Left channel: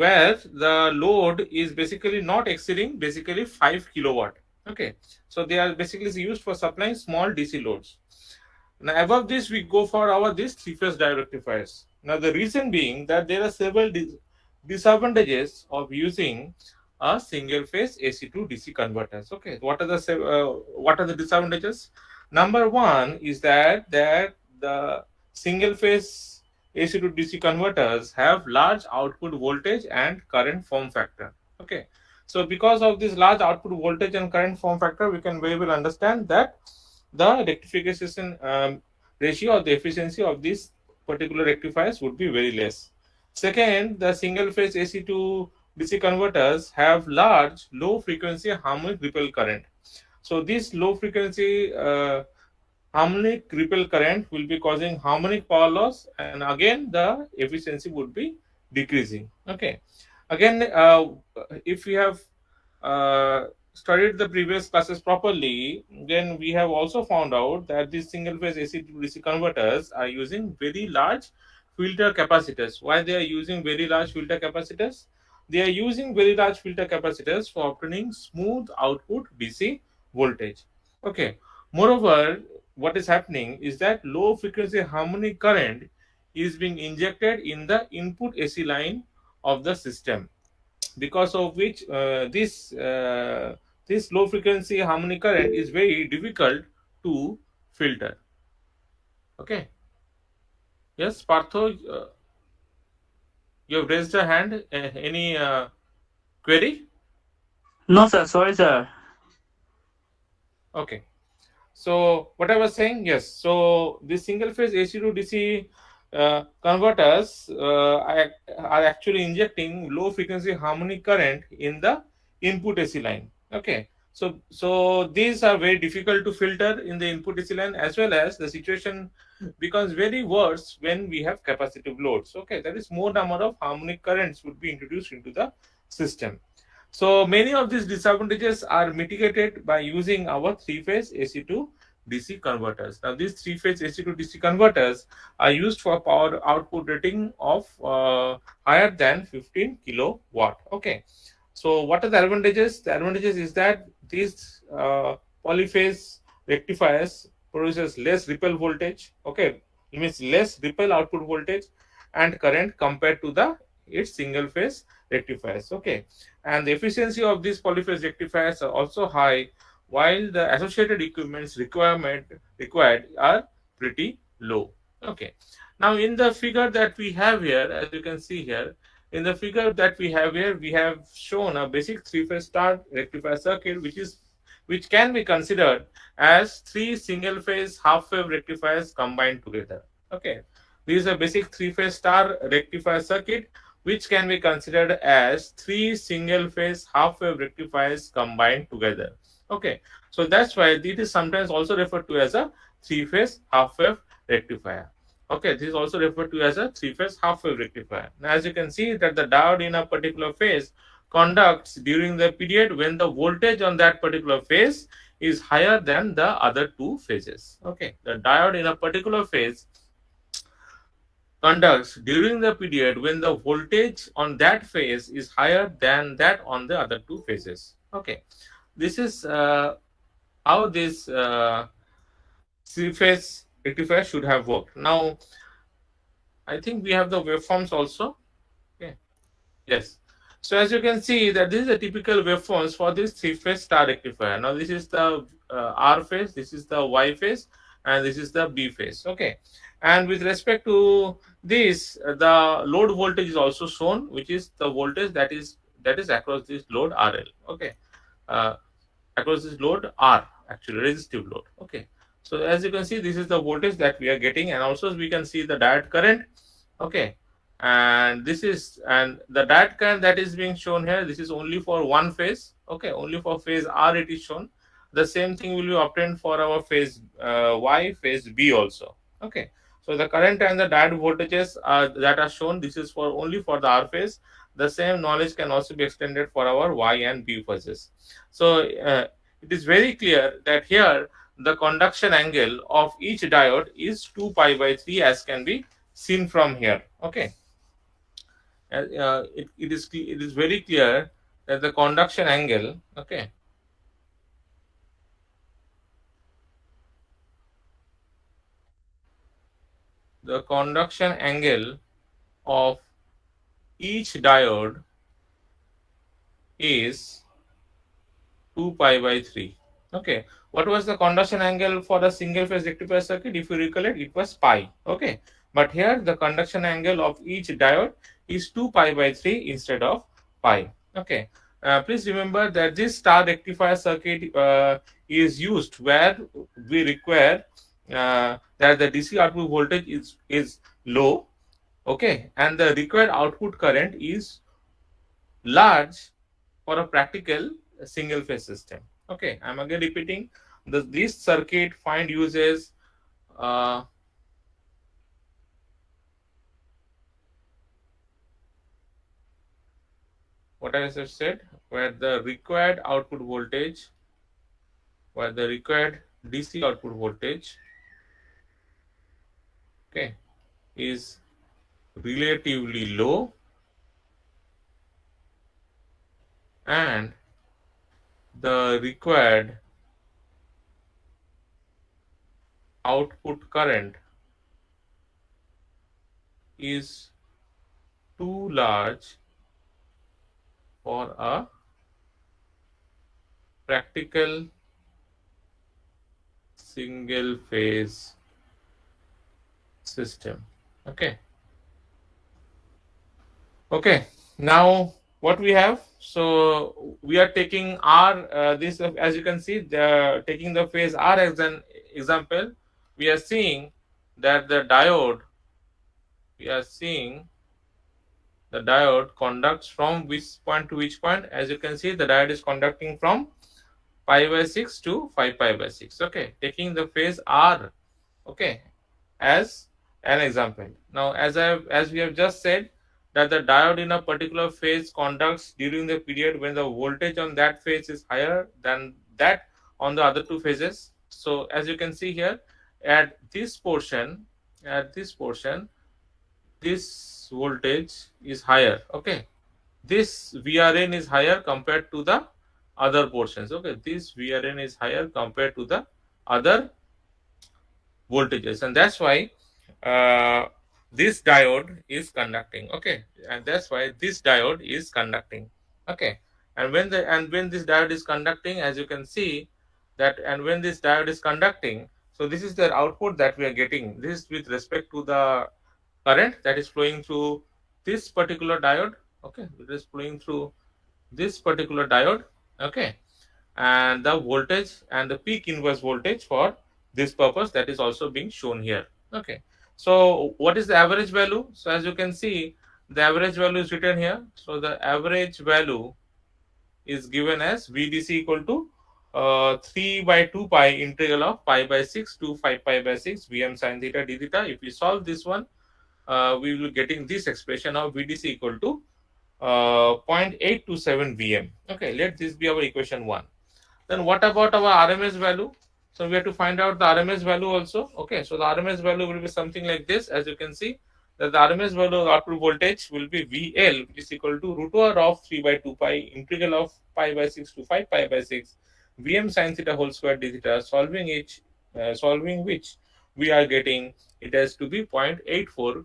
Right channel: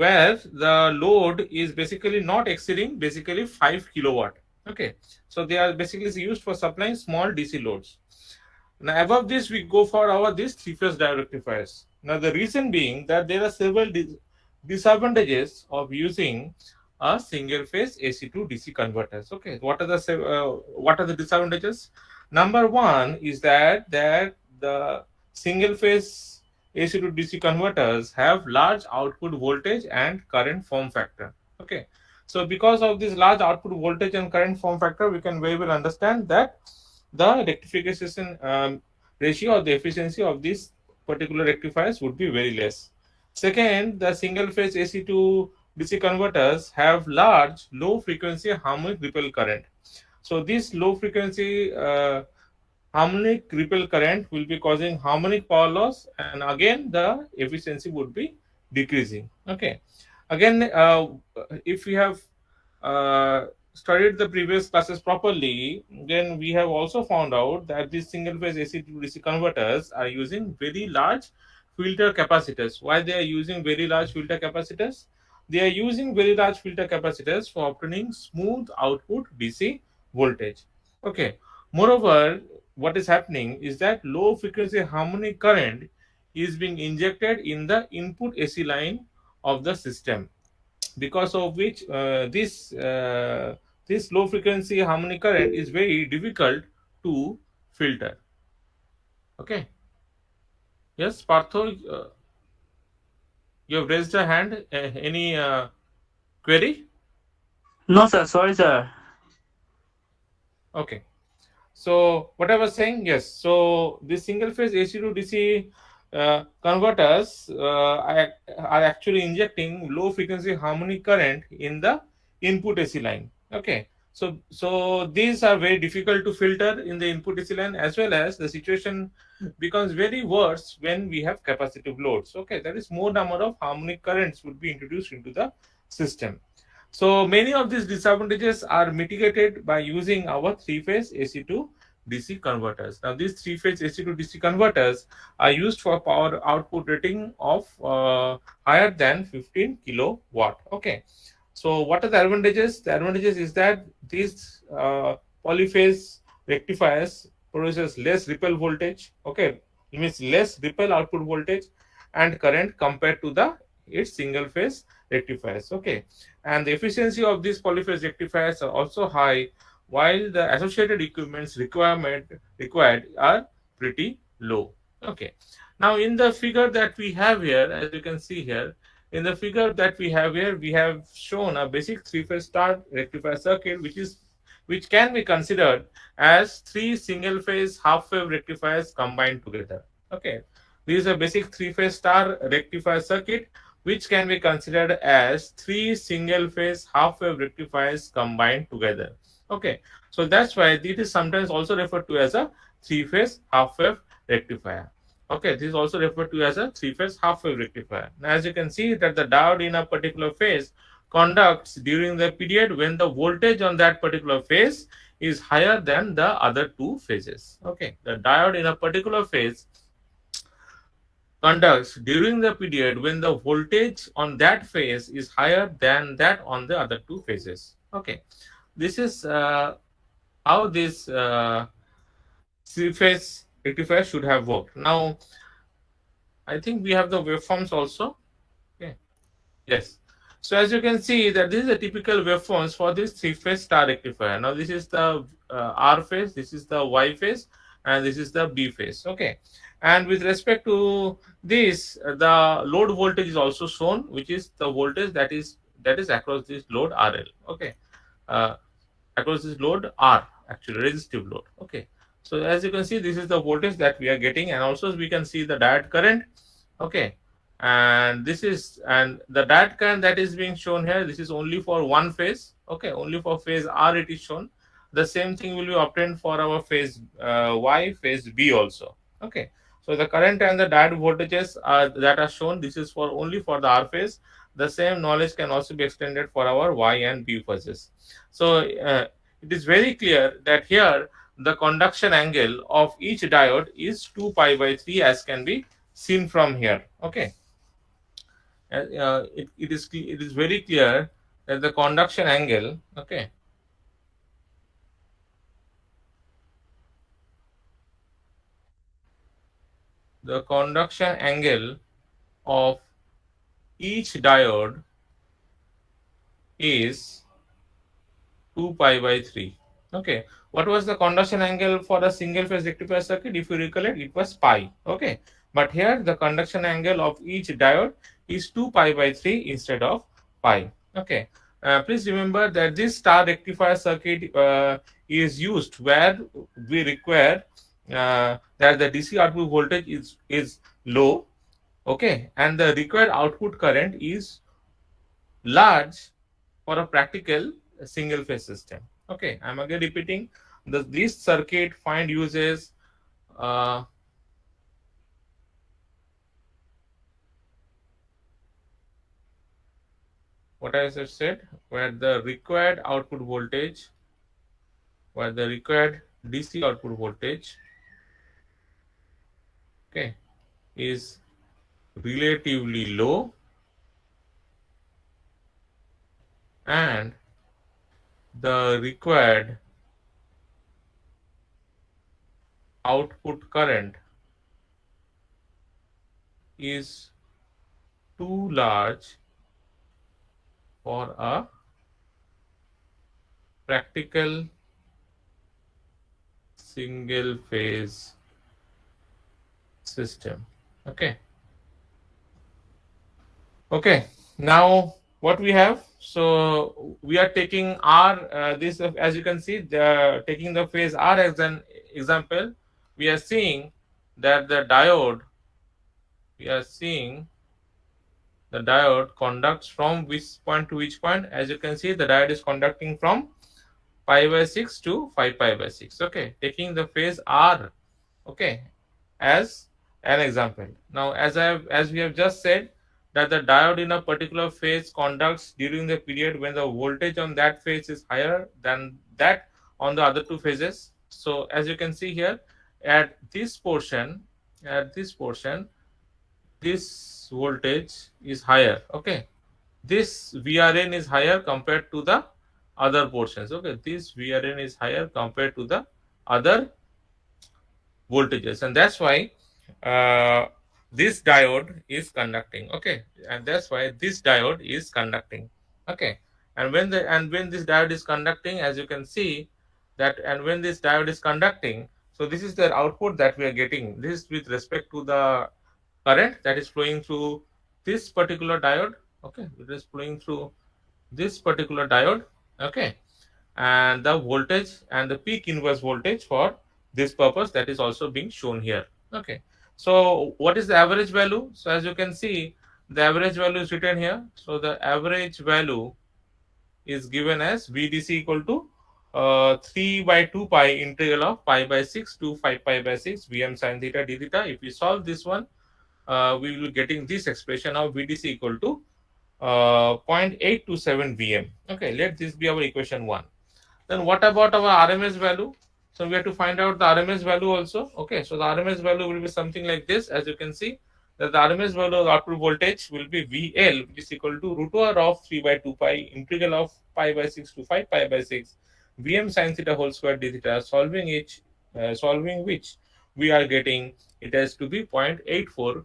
where the load is basically not exceeding basically 5 kilowatt. Okay, so they are basically used for supplying small DC loads. Now above this we go for our these three-phase diode rectifiers. Now the reason being that there are several disadvantages of using a single phase AC to DC converters. Okay, what are the disadvantages? Number one is that the single phase AC to DC converters have large output voltage and current form factor. Okay, so because of this large output voltage and current form factor, we can very well understand that the rectification ratio or the efficiency of these particular rectifiers would be very less. Second, the single phase AC to DC converters have large low frequency harmonic ripple current. So this low frequency harmonic ripple current will be causing harmonic power loss, and again the efficiency would be decreasing. Okay, again if we have studied the previous classes properly, then we have also found out that these single phase AC to DC converters are using very large filter capacitors. Why they are using very large filter capacitors? They are using very large filter capacitors for obtaining smooth output DC voltage. Okay, moreover, what is happening is that low frequency harmonic current is being injected in the input AC line of the system, because of which this low frequency harmonic current is very difficult to filter. Okay, yes, Partho, you have raised a hand. Any query? No, sir. Sorry, sir. Okay. So what I was saying, yes. So the single phase AC to DC converters are actually injecting low frequency harmonic current in the input AC line. Okay. So these are very difficult to filter in the input AC line, as well as the situation becomes very worse when we have capacitive loads. Okay, that is more number of harmonic currents would be introduced into the system. So many of these disadvantages are mitigated by using our three-phase AC to DC converters. Now these three-phase AC to DC converters are used for power output rating of higher than 15 kilowatt. Okay. So what are the advantages? The advantages is that these polyphase rectifiers produces less ripple voltage. Okay, it means less ripple output voltage and current compared to the its single phase rectifiers. Okay, and the efficiency of these polyphase rectifiers are also high, while the associated equipments required are pretty low. Okay, now in the figure that we have here, as you can see here, in the figure that we have here, we have shown a basic three-phase star rectifier circuit, which can be considered as three single-phase half-wave rectifiers combined together. Okay, this is a basic three-phase star rectifier circuit, which can be considered as three single-phase half-wave rectifiers combined together. Okay, so that's why it is sometimes also referred to as a three-phase half-wave rectifier. Okay, this is also referred to as a three-phase half-wave rectifier. Now, as you can see that the diode in a particular phase conducts during the period when the voltage on that particular phase is higher than the other two phases. Okay, the diode in a particular phase conducts during the period when the voltage on that phase is higher than that on the other two phases. Okay, this is how this three-phase rectifier should have worked. Now, I think we have the waveforms also. Okay. Yes. So as you can see that this is a typical waveforms for this three-phase star rectifier. Now this is the R phase, this is the Y phase, and this is the B phase. Okay. And with respect to this, the load voltage is also shown, which is the voltage that is across this load RL. Okay. Across this load R, actually resistive load. Okay. So as you can see, this is the voltage that we are getting, and also we can see the diode current. Okay, and this is, and the diode current that is being shown here, this is only for one phase. Okay, only for phase R it is shown. The same thing will be obtained for our phase Y, phase B also. Okay, so the current and the diode voltages that are shown, this is for only for the R phase. The same knowledge can also be extended for our Y and B phases. So it is very clear that here the conduction angle of each diode is 2 pi by 3, as can be seen from here. Okay. it is very clear that the conduction angle, okay, the conduction angle of each diode is 2 pi by 3. Okay, what was the conduction angle for a single phase rectifier circuit? If you recollect, it was pi. Okay, but here the conduction angle of each diode is 2 pi by 3 instead of pi. Okay, please remember that this star rectifier circuit is used where we require that the DC output voltage is low. Okay, and the required output current is large for a practical single phase system. Okay, I'm again repeating, this circuit find uses uh, what I just said, where the required output voltage, where the required DC output voltage, okay, is relatively low, and the required output current is too large for a practical single phase system. Okay. Okay. Now what we have? So we are taking R. This, as you can see, taking the phase R as an example. We are seeing that the diode. We are seeing the diode conducts from which point to which point. As you can see, the diode is conducting from pi by 6 to 5 pi by 6. Okay, taking the phase R, okay, as an example. Now, as we have just said, that the diode in a particular phase conducts during the period when the voltage on that phase is higher than that on the other two phases. So as you can see here, at this portion, this voltage is higher. Okay, this VRN is higher compared to the other portions. Okay, this VRN is higher compared to the other voltages, and that's why uh, this diode is conducting. Okay, and that's why this diode is conducting. Okay, and when this diode is conducting, as you can see that, and when this diode is conducting, so this is the output that we are getting. This is with respect to the current that is flowing through this particular diode. Okay, it is flowing through this particular diode. Okay, and the voltage and the peak inverse voltage for this purpose, that is also being shown here. Okay, so what is the average value? So as you can see, the average value is written here. So the average value is given as VDC equal to 3 by 2 pi integral of pi by 6 to 5 pi by 6 Vm sin theta d theta. If we solve this one, we will be getting this expression of VDC equal to 0.827 Vm. Okay, let this be our equation 1. Then what about our RMS value? So we have to find out the RMS value also. Okay, so the RMS value will be something like this. As you can see, that the RMS value of the output voltage will be VL, which is equal to root over of 3 by 2 pi integral of pi by 6 to 5 pi by 6 Vm sin theta whole square d theta. Solving which we are getting it has to be 0.84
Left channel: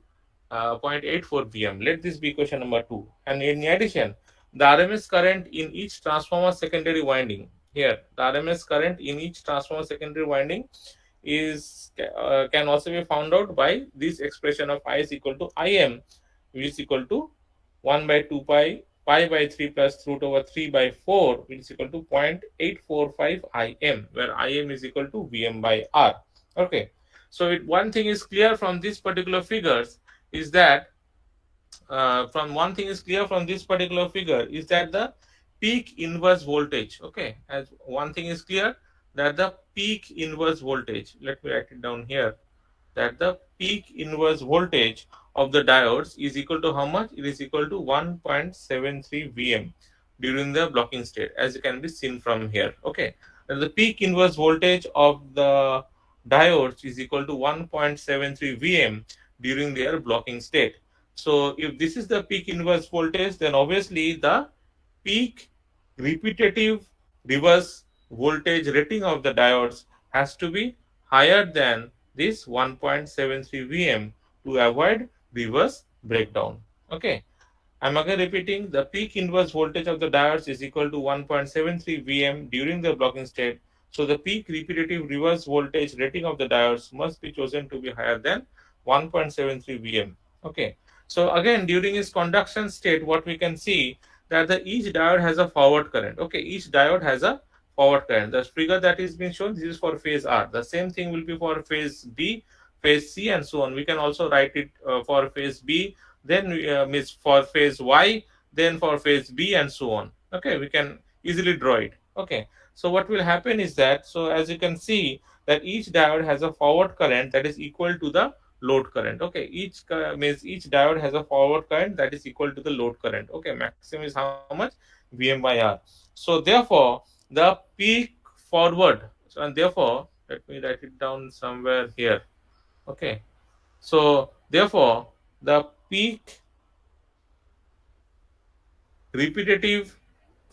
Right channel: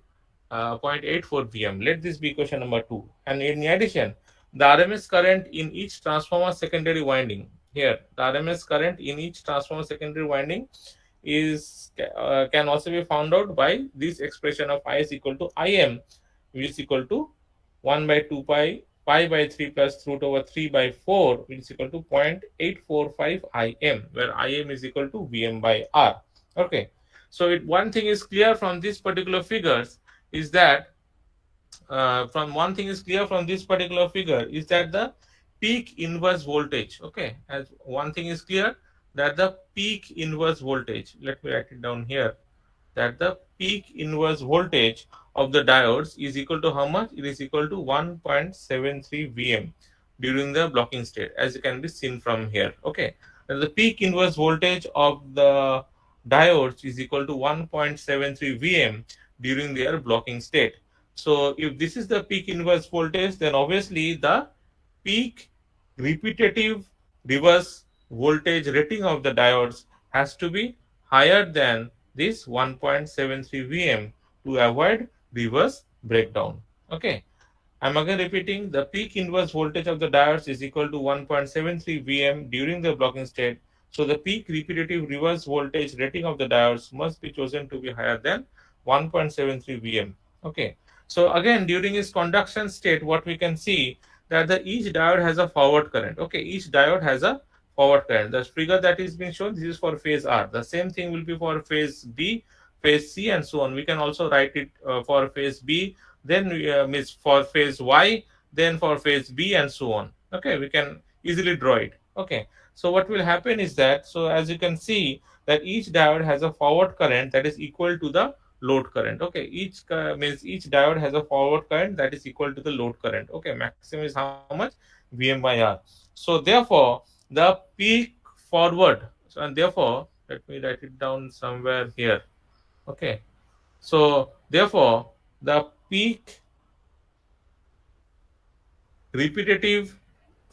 Vm. Let this be equation number 2. And in addition, the RMS current in each transformer secondary winding. Here, the RMS current in each transformer secondary winding is can also be found out by this expression of I is equal to Im, which is equal to 1 by 2 pi by 3 plus root over 3 by 4, which is equal to 0.845 Im, where Im is equal to Vm by R. Okay, so one thing is clear from these particular figures is that from one thing is clear from this particular figure is that the peak inverse voltage. Okay, as one thing is clear, that the peak inverse voltage, let me write it down here, that the peak inverse voltage of the diodes is equal to how much? It is equal to 1.73 Vm during the blocking state, as it can be seen from here. Okay, and the peak inverse voltage of the diodes is equal to 1.73 Vm during their blocking state. So if this is the peak inverse voltage, then obviously the peak repetitive reverse voltage rating of the diodes has to be higher than this 1.73 Vm to avoid reverse breakdown. Okay. I'm again repeating, the peak inverse voltage of the diodes is equal to 1.73 Vm during the blocking state. So the peak repetitive reverse voltage rating of the diodes must be chosen to be higher than 1.73 Vm. Okay. So again, during its conduction state, what we can see that each diode has a forward current. Okay, each diode has a forward current. The figure that is being shown, this is for phase R. The same thing will be for phase B, phase C, and so on. We can also write it for phase B, then means for phase Y, then for phase B, and so on. Okay, we can easily draw it. Okay, so what will happen is that, so as you can see that each diode has a forward current that is equal to the load current. Okay, means each diode has a forward current that is equal to the load current. Okay, maximum is how much? Vm by R. So therefore the peak forward, so, and therefore let me write it down somewhere here. Okay, so therefore the peak repetitive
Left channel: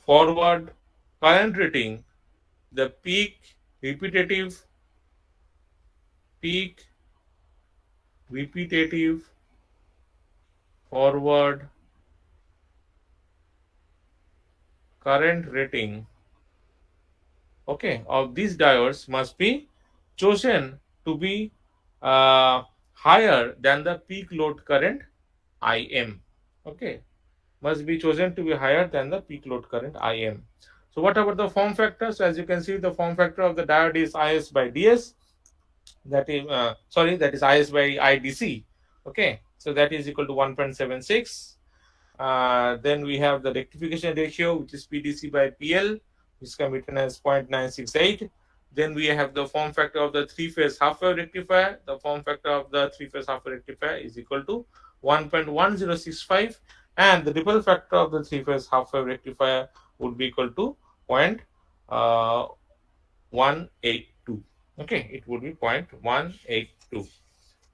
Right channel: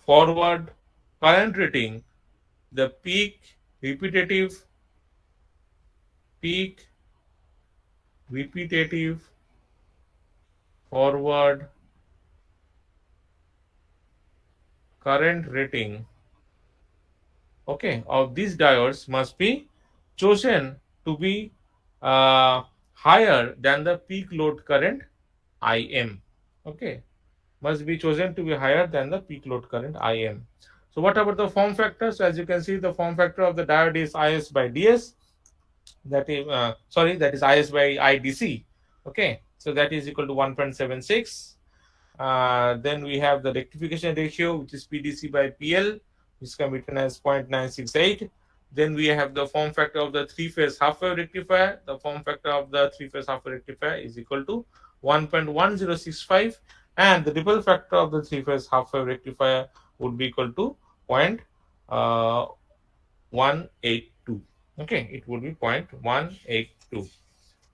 forward current rating, the peak repetitive forward current rating, okay, of these diodes must be chosen to be uh, higher than the peak load current Im. Okay, must be chosen to be higher than the peak load current Im. So what about the form factor? So as you can see, the form factor of the diode is Is by ds. That is sorry, that is Is by IDC. Okay, so that is equal to 1.76. Then we have the rectification ratio, which is PDC by PL, which can be written as 0.968. Then we have the form factor of the three-phase half-wave rectifier. The form factor of the three-phase half-wave rectifier is equal to 1.1065, and the ripple factor of the three-phase half-wave rectifier would be equal to 0.182. Okay, it would be 0.182.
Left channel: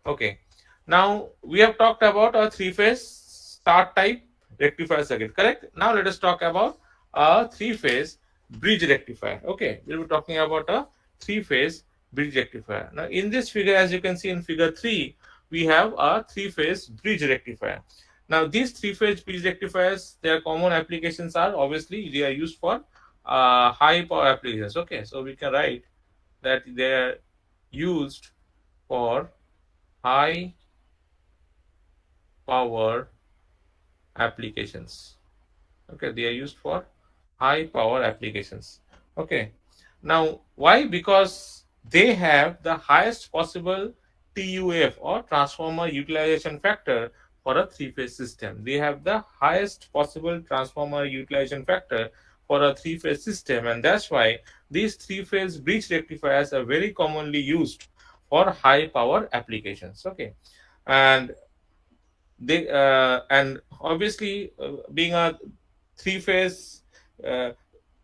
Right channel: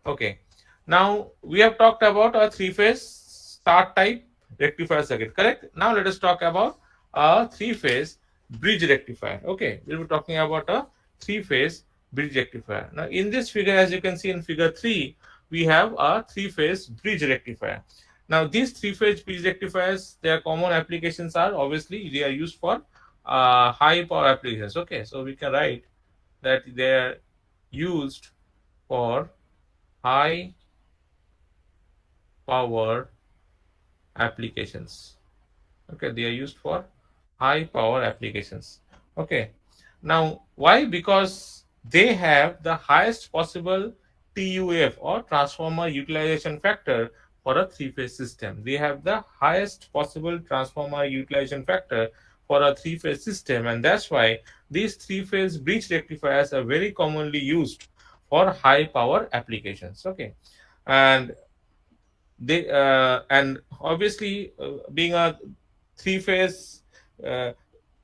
Okay. Now we have talked about a three-phase start type rectifier circuit, correct? Now let us talk about a three-phase bridge rectifier. Okay, we'll be talking about a three-phase bridge rectifier. Now in this figure, as you can see in figure 3, we have a three-phase bridge rectifier. Now these three-phase bridge rectifiers, their common applications are obviously they are used for high power applications. Okay, so we can write that they are used for high power applications. Okay, they are used for high power applications. Okay, now why? Because they have the highest possible TUF or transformer utilization factor for a three-phase system. They have the highest possible transformer utilization factor for a three-phase system, and that's why these three-phase bridge rectifiers are very commonly used for high power applications. Okay, and they and obviously being a three-phase uh,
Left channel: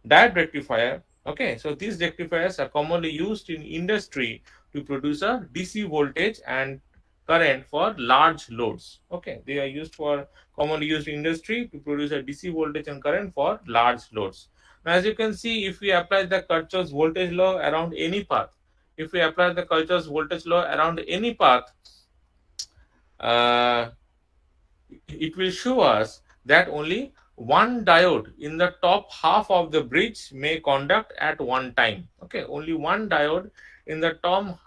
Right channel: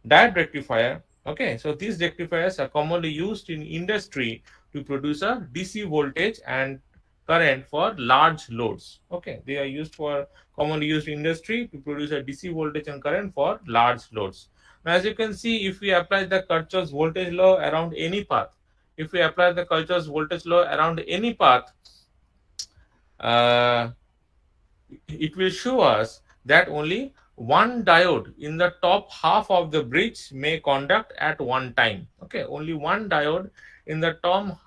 diode rectifier. Okay, so these rectifiers are commonly used in industry to produce a DC voltage and current for large loads. Okay, they are used for commonly used in industry to produce a DC voltage and current for large loads. Now as you can see, if we apply the Kirchhoff's voltage law around any path, if we apply the Kirchhoff's voltage law around any path, uh, it will show us that only one diode in the top half of the bridge may conduct at one time. Okay, only one diode in the top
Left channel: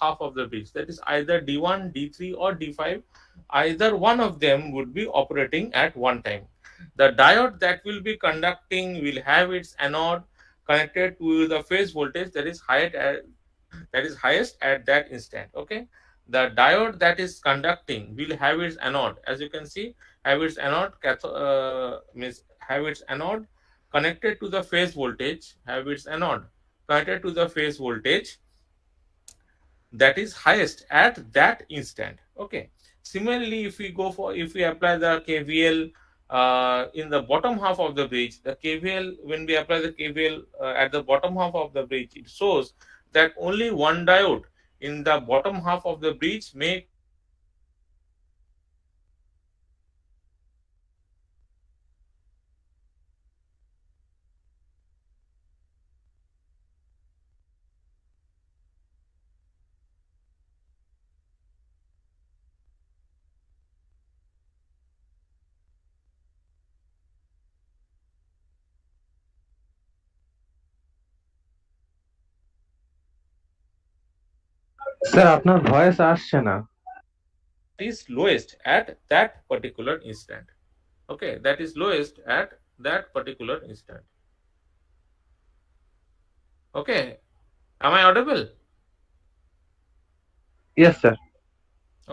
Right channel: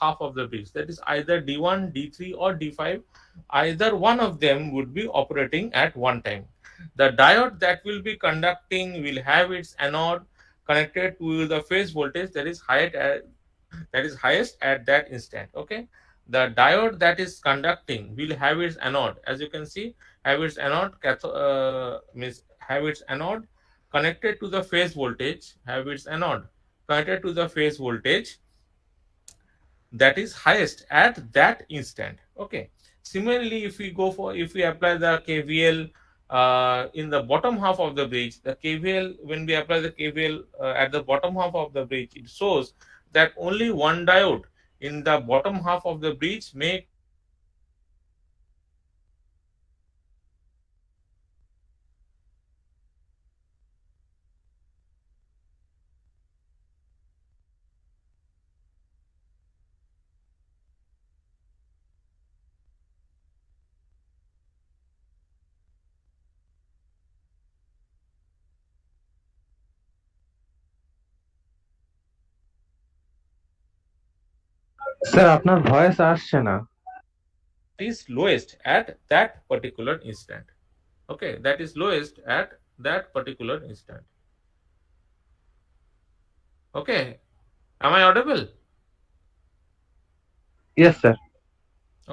half of the bridge, that is either D1, D3 or D5, either one of them would be operating at one time. The diode that will be conducting will have its anode connected to the phase voltage that is highest at that instant. Okay, the diode that is conducting will have its anode, as you can see, have its anode means have its anode connected to the phase voltage, have its anode connected to the phase voltage that is highest at that instant. Okay, similarly, if we apply the KVL in the bottom half of the bridge, the KVL, when we apply the KVL at the bottom half of the bridge, it shows that only one diode in the bottom half of the bridge may conduct at one time. Sir আপনার voice আসছে না। Is lowest at that particular instant. Okay, that is lowest at that particular instant. Okay, am I audible? Yes sir.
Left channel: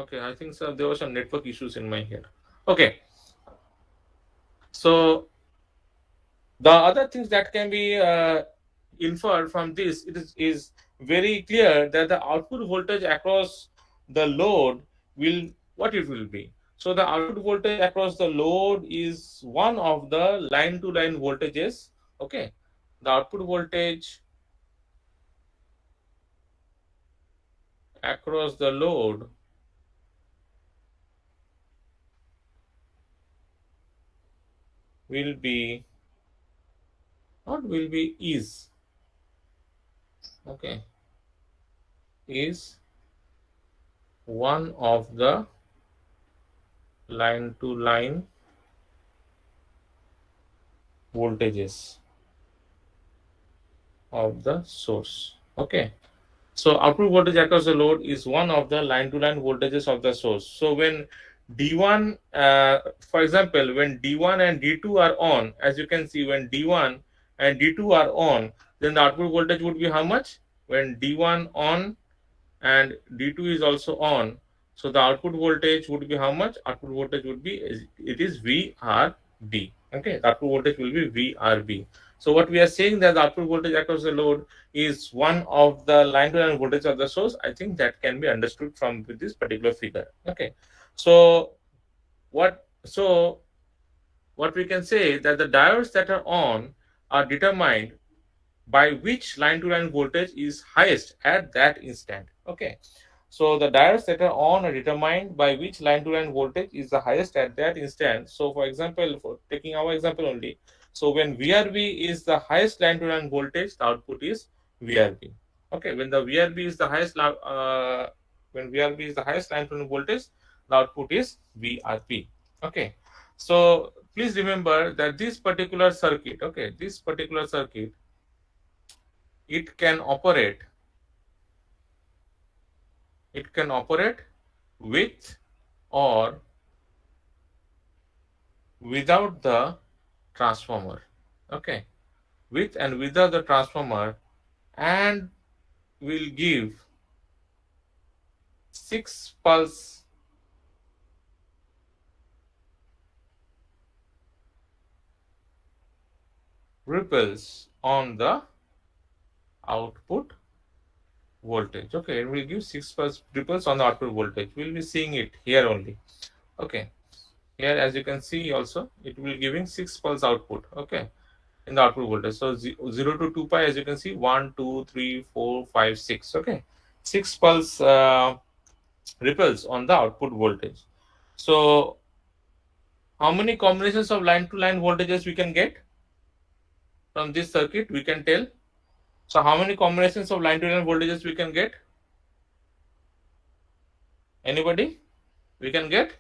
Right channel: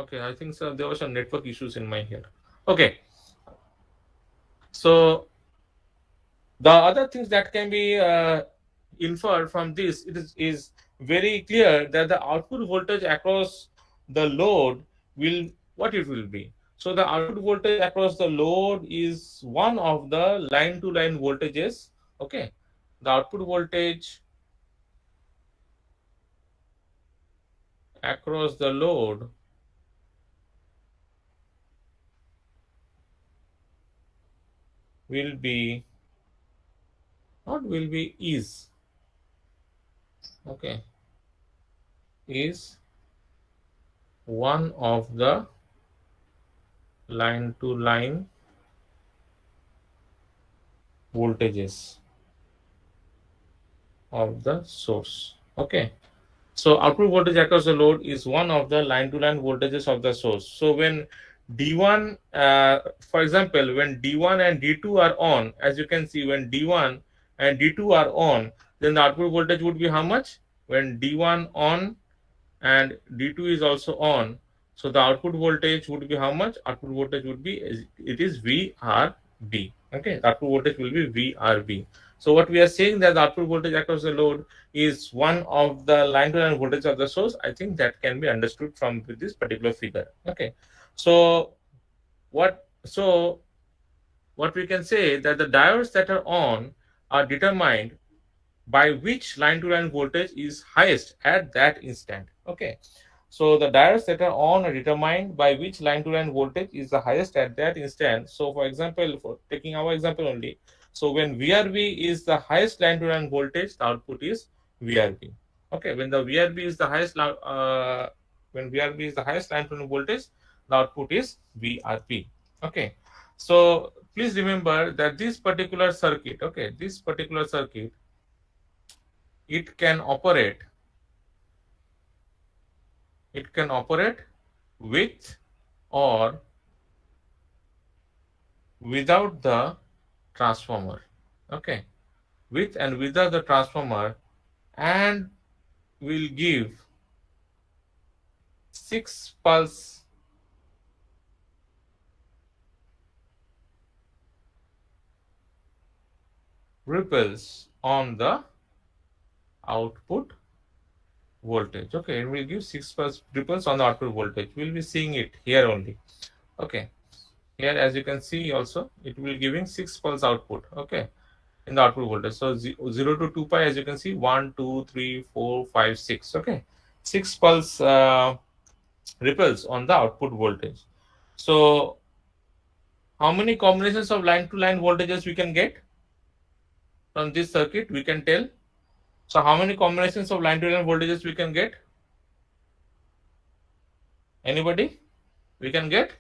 Okay, I think so, there were some network issues in my here. Okay, so the other things that can be inferred from this, is very clear that the output voltage across the load will, what it will be. So the output voltage across the load is one of the line to line voltages. Okay, the output voltage across the load will be, not will be, is, okay, is one of the line to line voltages of the source. Okay, so output voltage across the load is one of the line to line voltages of the source. So when D1, for example, when D1 and D2 are on, as you can see, when D1 and D2 are on, then the output voltage would be how much? When D1 on and D2 is also on, so the output voltage would be how much? Output voltage would be, it is VRB. Okay, the output voltage will be VRB. So what we are saying, that the output voltage across the load is one of the line to line voltage of the source. I think that can be understood from this particular figure. Okay, so what we can say, that the diodes that are on are determined by which line to line voltage is highest at that instant. Okay, so the diodes that are on are determined by which line to line voltage is the highest at that instant. So for example, for taking our example only, so when VRB is the highest line to line voltage, the output is VRB. Okay, when the VRB is the highest when VRB is the highest line to line voltage, the output is VRP. Okay, so please remember that this particular circuit, okay, this particular circuit, it can operate, it can operate with or without the transformer. Okay, with and without the transformer, and will give 6 pulse ripples on the output voltage. Okay, it will give 6 pulse ripples on the output voltage. We'll be seeing it here only. Okay, here as you can see also, it will giving 6 pulse output. Okay, in the output voltage. So 0 to 2 pi, as you can see, 1, 2, 3, 4, 5, 6. Okay, 6 pulse ripples on the output voltage. So how many combinations of line to line voltages we can get from this circuit? We can tell. So how many combinations of line to line voltages we can get? Anybody? We can get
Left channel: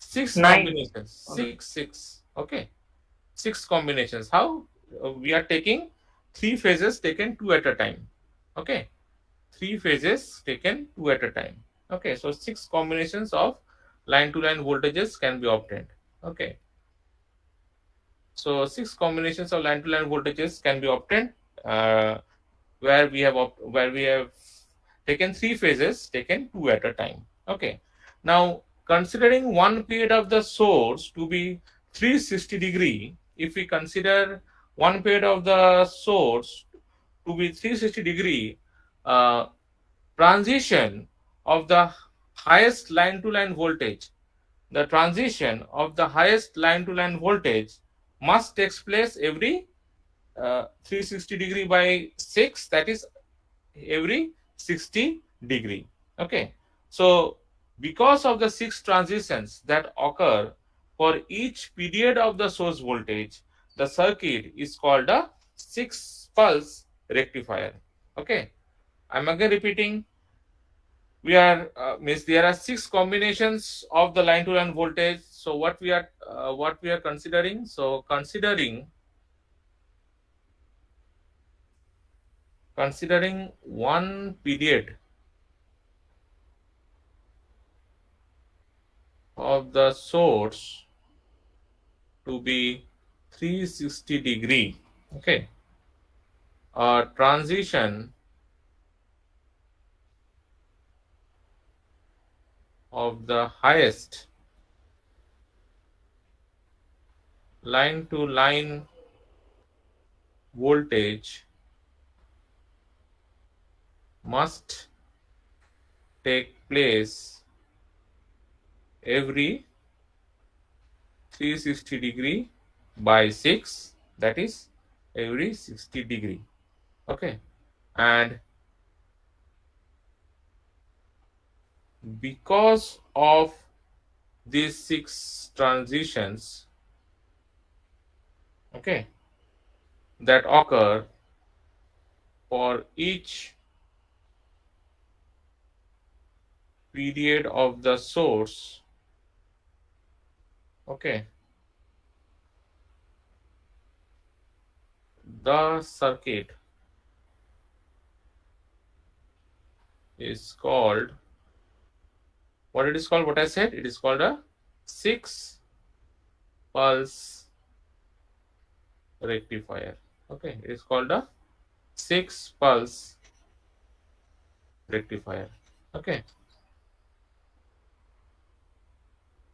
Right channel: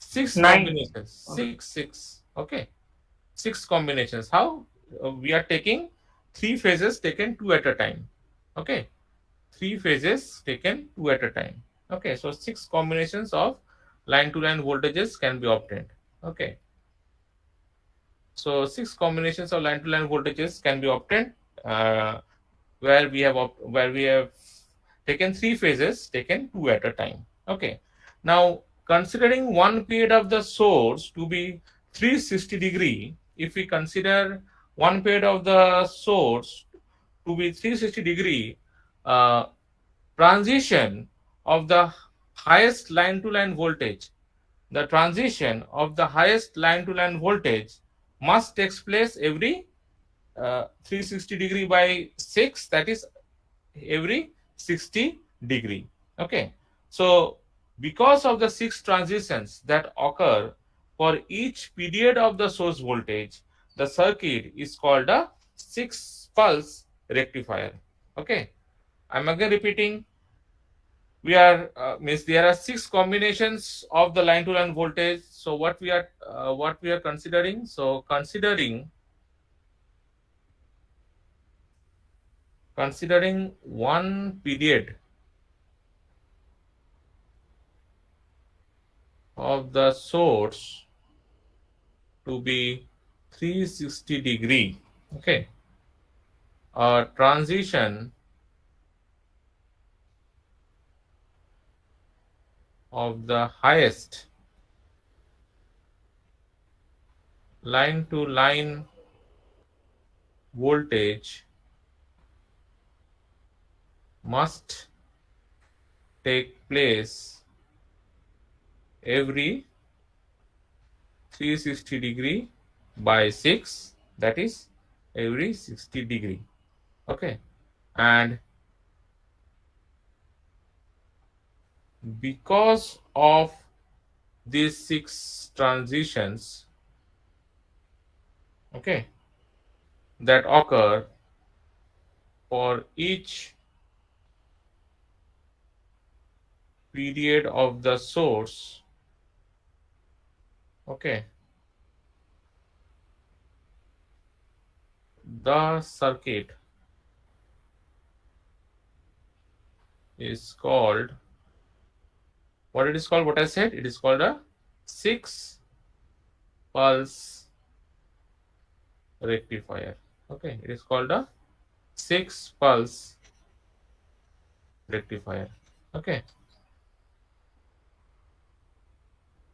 6 9. combinations. Six. Okay, 6 combinations. How? We are taking 3 phases taken 2 at a time. Okay, 3 phases taken 2 at a time. Okay, so 6 combinations of line to line voltages can be obtained. Okay, so 6 combinations of line to line voltages can be obtained, uh, where we have taken 3 phases taken 2 at a time. Okay, now considering one period of the source to be 360-degree, if we consider one period of the source to be 360-degree, uh, transition of the highest line to line voltage, the transition of the highest line to line voltage must takes place every 360-degree by 6, that is every 60-degree. Okay, so because of the 6 transitions that occur for each period of the source voltage, the circuit is called a 6 pulse rectifier. Okay, I'm again repeating, we are means there are 6 combinations of the line to line voltage. So what we are considering, so considering one period of the source to be 360-degree. Okay, a transition of the highest line to line voltage must take place every 360-degree by 6, that is every 60-degree. Okay, and because of these 6 transitions, okay, that occur for each period of the source, okay, the circuit is called, what it is called, what I said, it is called a 6 pulse rectifier. Okay, it is called a 6 pulse rectifier. Okay,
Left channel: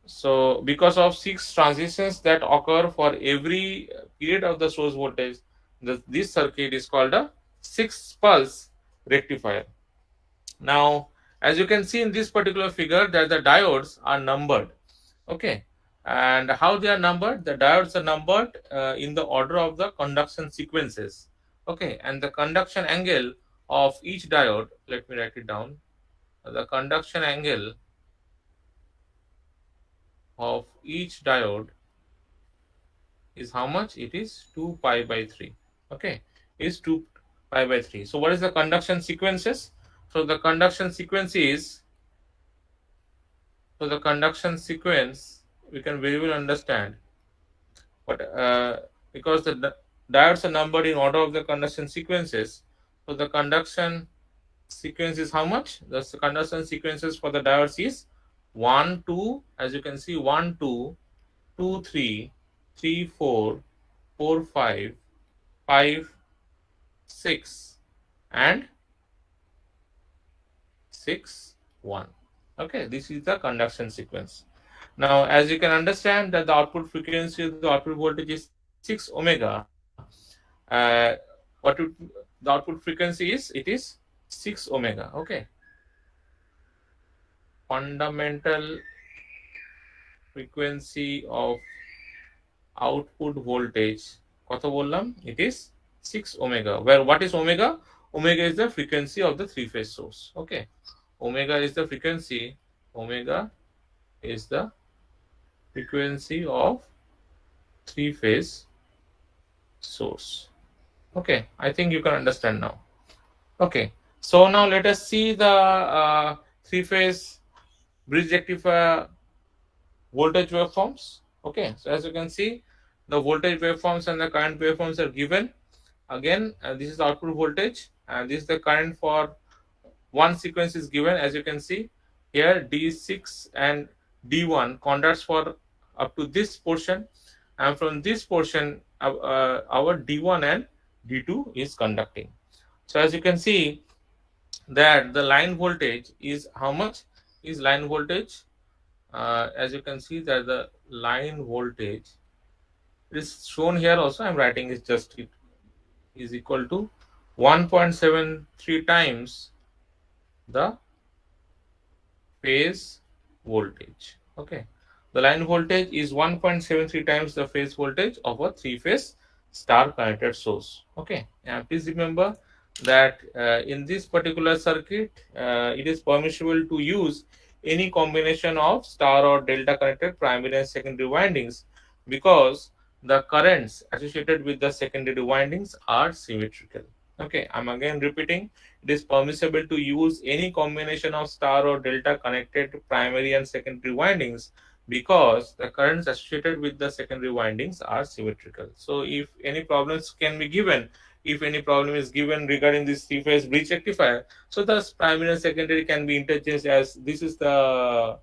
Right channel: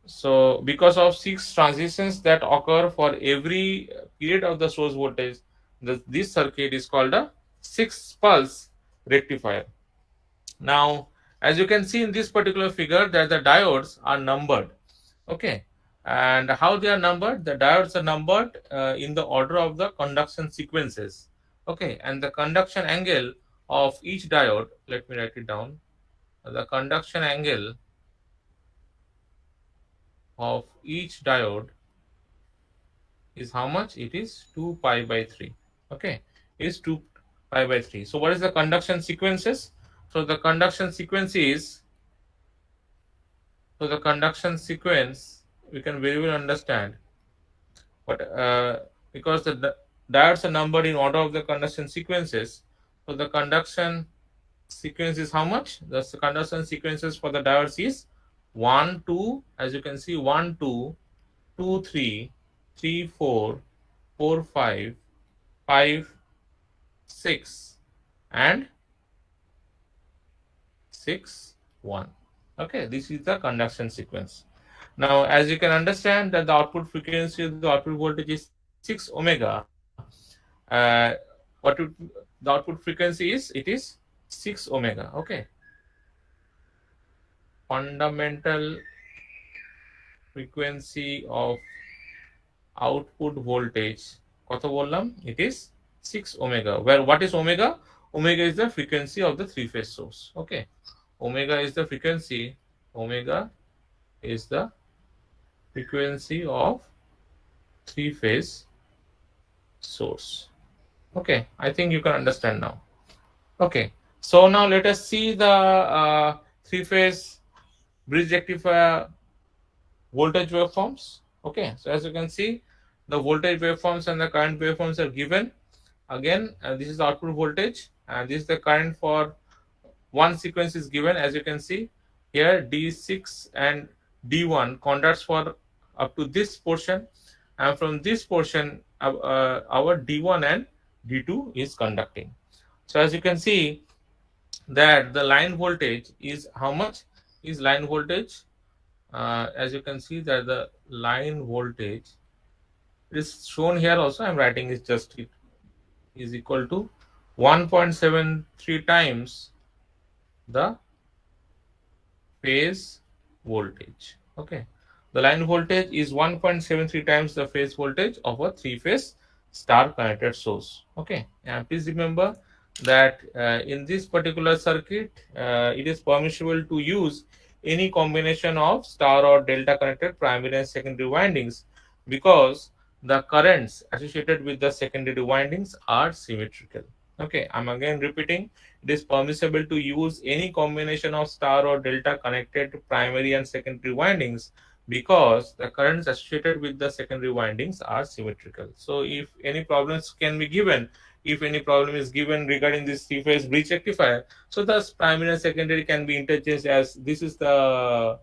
so because of 6 transitions that occur for every period of the source voltage, this circuit is called a 6 pulse rectifier. Now, as you can see in this particular figure, that the diodes are numbered. Okay, and how they are numbered? The diodes are numbered in the order of the conduction sequences. Okay, and the conduction angle of each diode, let me write it down. The conduction angle of each diode is how much? It is 2 pi by 3. Okay, is 2 pi by 3. So what is the conduction sequences? So the conduction sequence is, so the conduction sequence we can very well understand, but because the diodes are numbered in order of the conduction sequences, so the conduction sequence is how much? The conduction sequences for the diodes is 1 2, as you can see, 1 2 2 3 3 4 4 5 5 6 and 6 1. Okay, this is the conduction sequence. Now, as you can understand that the output frequency of the output voltage is 6 omega, what would the output frequency is? It is 6 omega. Okay, fundamental frequency of output voltage কত বললাম? It is 6 omega. Where what is omega? Omega is the frequency of the three phase source. Okay, omega is the frequency, omega is the frequency of three phase source. Okay, I think you can understand now. Okay, so now let us see the three phase bridge rectifier voltage waveforms. Okay, so as you can see, the voltage waveforms and the current waveforms are given. Again, this is the output voltage and this is the current for one sequence is given. As you can see here, D6 and D1 conducts for up to this portion, and from this portion our D1 and D2 is conducting. So as you can see that the line voltage is how much? Is line voltage, as you can see that the line voltage is shown here also. I'm writing is just it is equal to 1.73 times the phase voltage. Okay, the line voltage is 1.73 times the phase voltage of a three phase star connected source. Okay, and please remember that in this particular circuit it is permissible to use any combination of star or delta connected primary and secondary windings because the currents associated with the secondary windings are symmetrical. Okay, I'm again repeating, it is permissible to use any combination of star or delta connected primary and secondary windings because the currents associated with the secondary windings are symmetrical. So if any problems can be given, if any problem is given regarding this three phase bridge rectifier, so the primary and secondary can be interchanged as this is the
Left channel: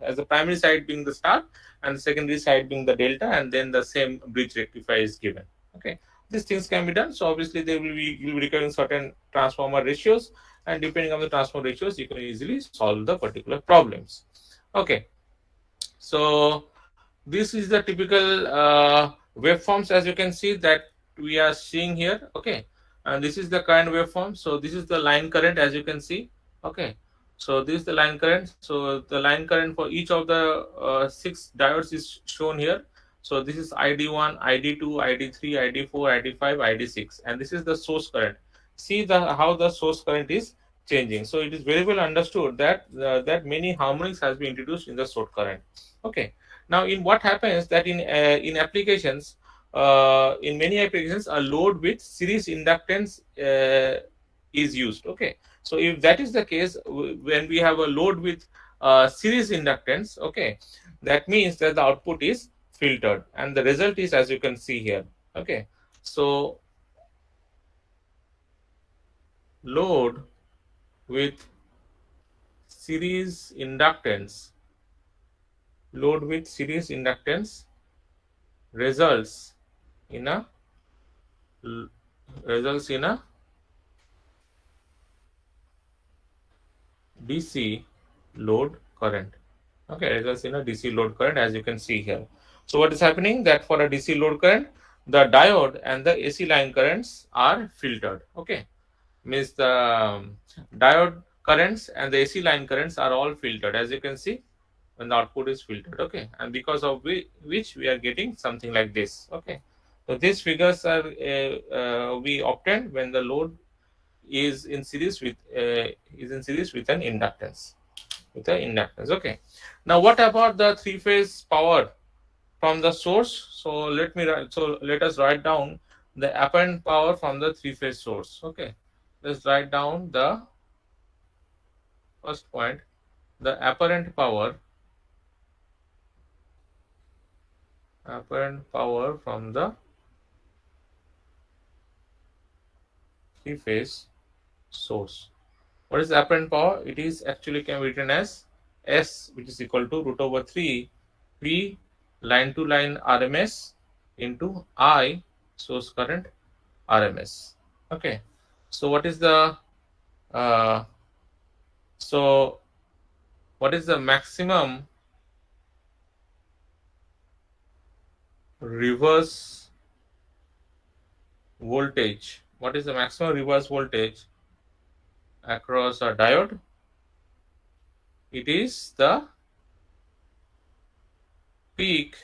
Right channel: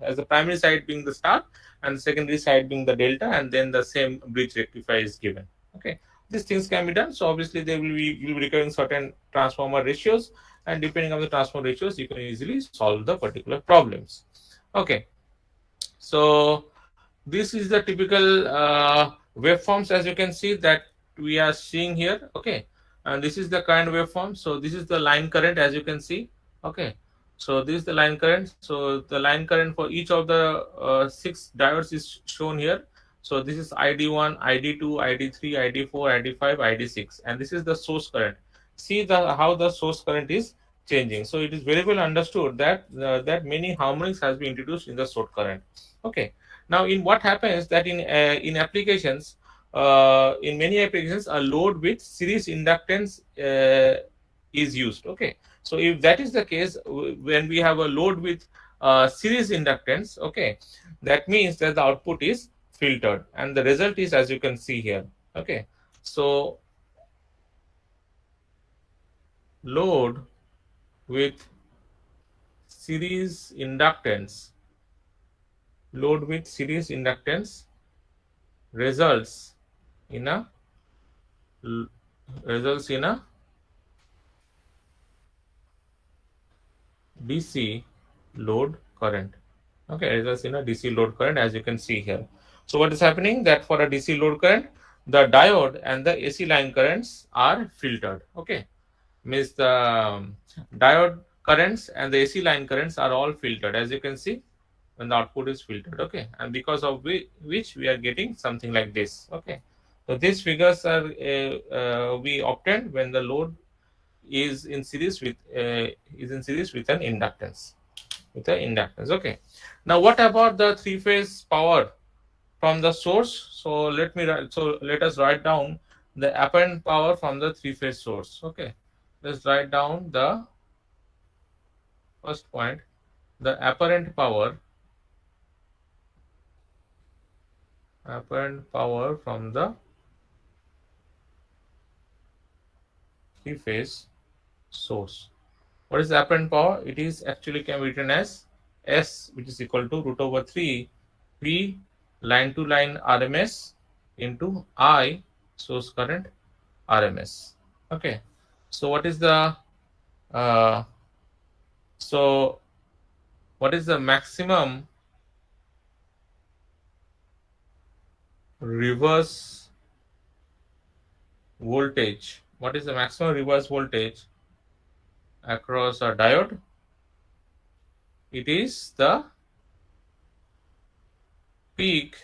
as the primary side being the star and the secondary side being the delta, and then the same bridge rectifier is given. Okay, these things can be done. So obviously they will be, you'll be requiring certain transformer ratios, and depending on the transformer ratios, you can easily solve the particular problems. Okay, so this is the typical waveforms, as you can see that we are seeing here. Okay, and this is the current waveform. So this is the line current, as you can see. Okay, so this is the line current. So the line current for each of the 6 diodes is shown here. So this is ID1, ID2, ID3, ID4, ID5, ID6, and this is the source current. See the how the source current is changing. So it is very well understood that that many harmonics has been introduced in the source current. Okay, now in what happens that in applications, in many applications, a load with series inductance is used. Okay, so if that is the case, when we have a load with series inductance, okay, that means that the output is filtered, and the result is as you can see here. Okay, so load with series inductance, load with series inductance results in a results in a DC load current. Okay, results in a DC load current, as you can see here. So what is happening that for a DC load current, the diode and the AC line currents are filtered. Okay, means the diode currents and the AC line currents are all filtered, as you can see when the output is filtered. Okay, and because of which we are getting something like this. Okay, so these figures are we obtained when the load is in series with an inductance, Okay, now what about the three-phase power from the source? So let us write down the apparent power from the three-phase source. Okay, let's write down the first point, the apparent power from the three-phase source. What is the apparent power? It is actually can be written as S, which is equal to root over 3 P line to line RMS into I source current RMS. Okay, so uh, so what is the maximum reverse voltage? What is the maximum reverse voltage across a diode? It is the peak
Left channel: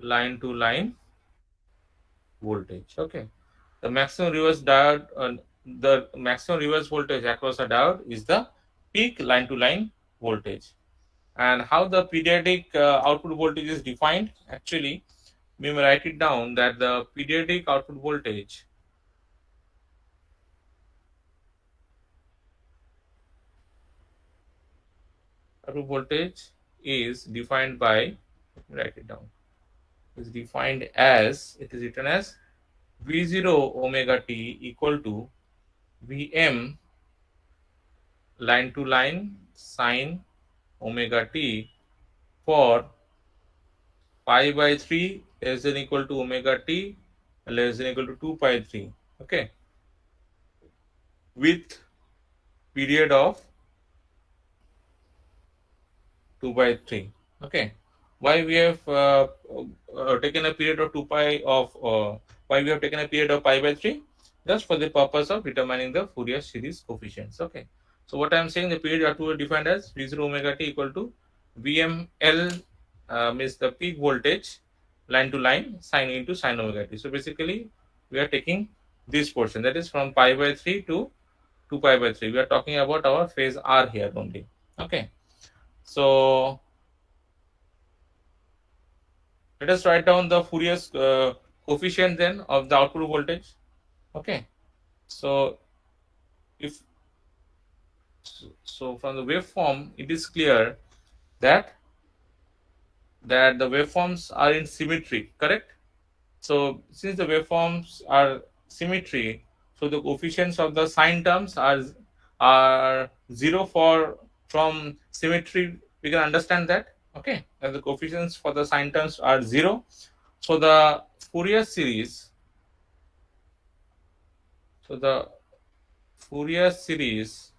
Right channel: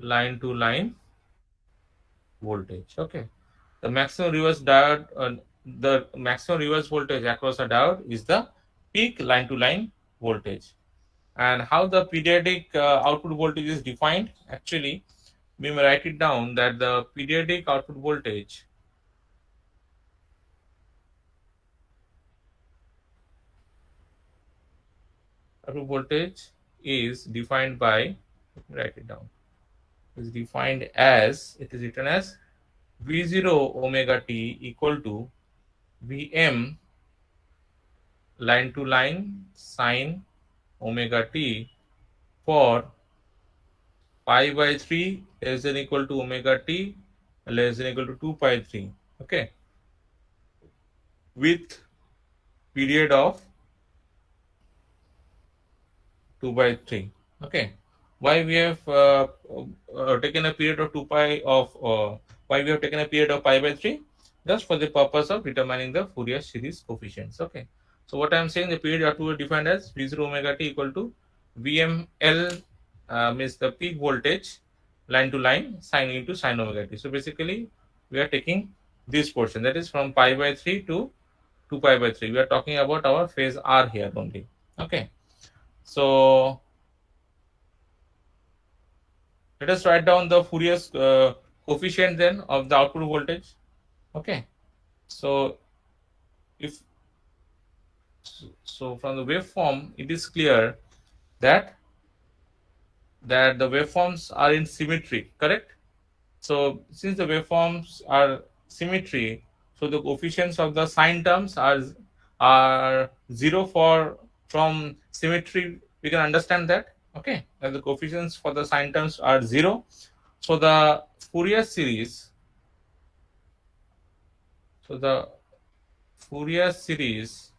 line to line voltage. Okay, the maximum reverse diode, the maximum reverse voltage across a diode is the peak line to line voltage. And how the periodic output voltage is defined? Actually, we may write it down that the periodic output voltage is defined by, let me write it down, is defined as, it is written as V0 omega t equal to Vm line to line sine omega t for pi by 3 less than equal to omega t less than equal to 2 pi 3. Okay, with period of 2 by 3. Okay, why we have taken a period of 2 pi of why we have taken a period of pi by 3? Just for the purpose of determining the Fourier series coefficients. Okay, so what I am saying, the period of 2 is defined as V0 omega t equal to VML, means the peak voltage line to line sine into sine omega t. So basically we are taking this portion, that is from pi by 3 to 2 pi by 3. We are talking about our phase R here only. Okay, so let us write down the Fourier coefficient then of the output voltage. Okay, so if so from the waveform it is clear that the waveforms are in symmetry, correct? So since the waveforms are symmetry, so the coefficients of the sine terms are 0 for from symmetry we can understand that, okay, that the coefficients for the sine terms are 0. So the Fourier series, so the Fourier series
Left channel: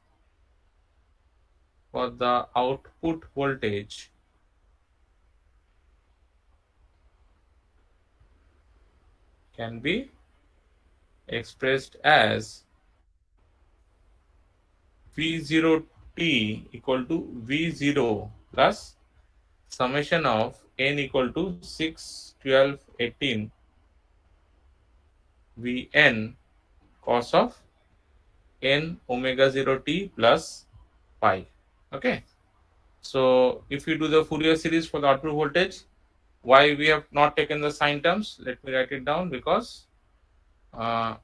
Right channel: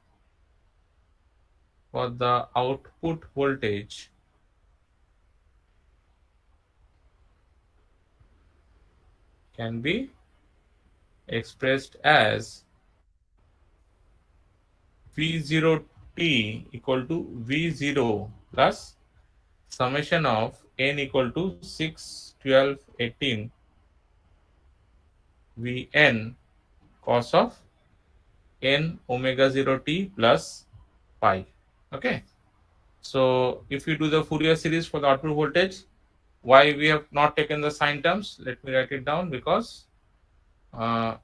for the output voltage can be expressed as V0t equal to V0 plus summation of n equal to 6, 12, 18 Vn cos of n omega 0 t plus pi. Okay. So if you do the Fourier series for the output voltage, why we have not taken the sine terms? Let me write it down, because uh,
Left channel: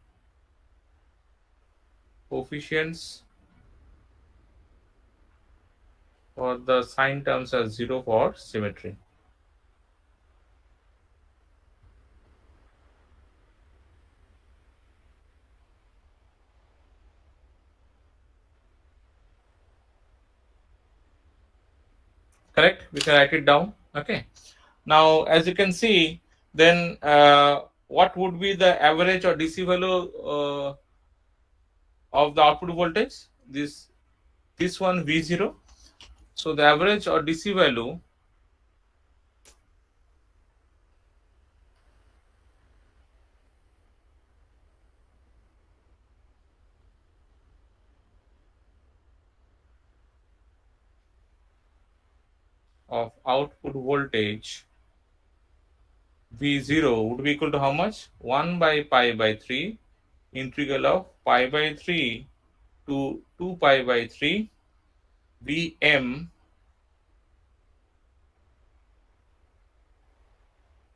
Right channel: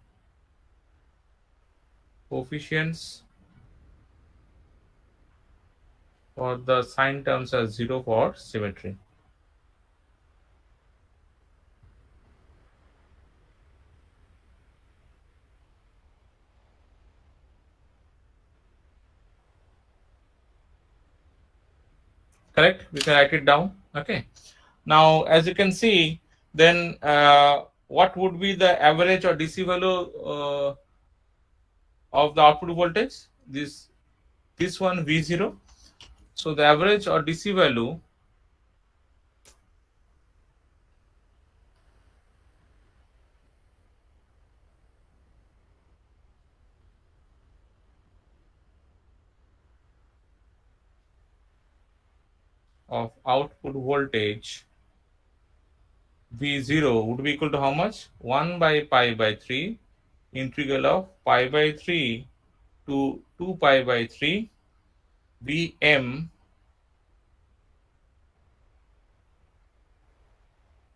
coefficients for the sine terms are 0 for symmetry. Correct? We can write it down. Okay. Now, as you can see, then what would be the average or DC value of the output voltage? This one V0. So the average or DC value of output voltage V0 would be equal to how much? 1 by pi by 3 integral of pi by 3 to 2 pi by 3 Vm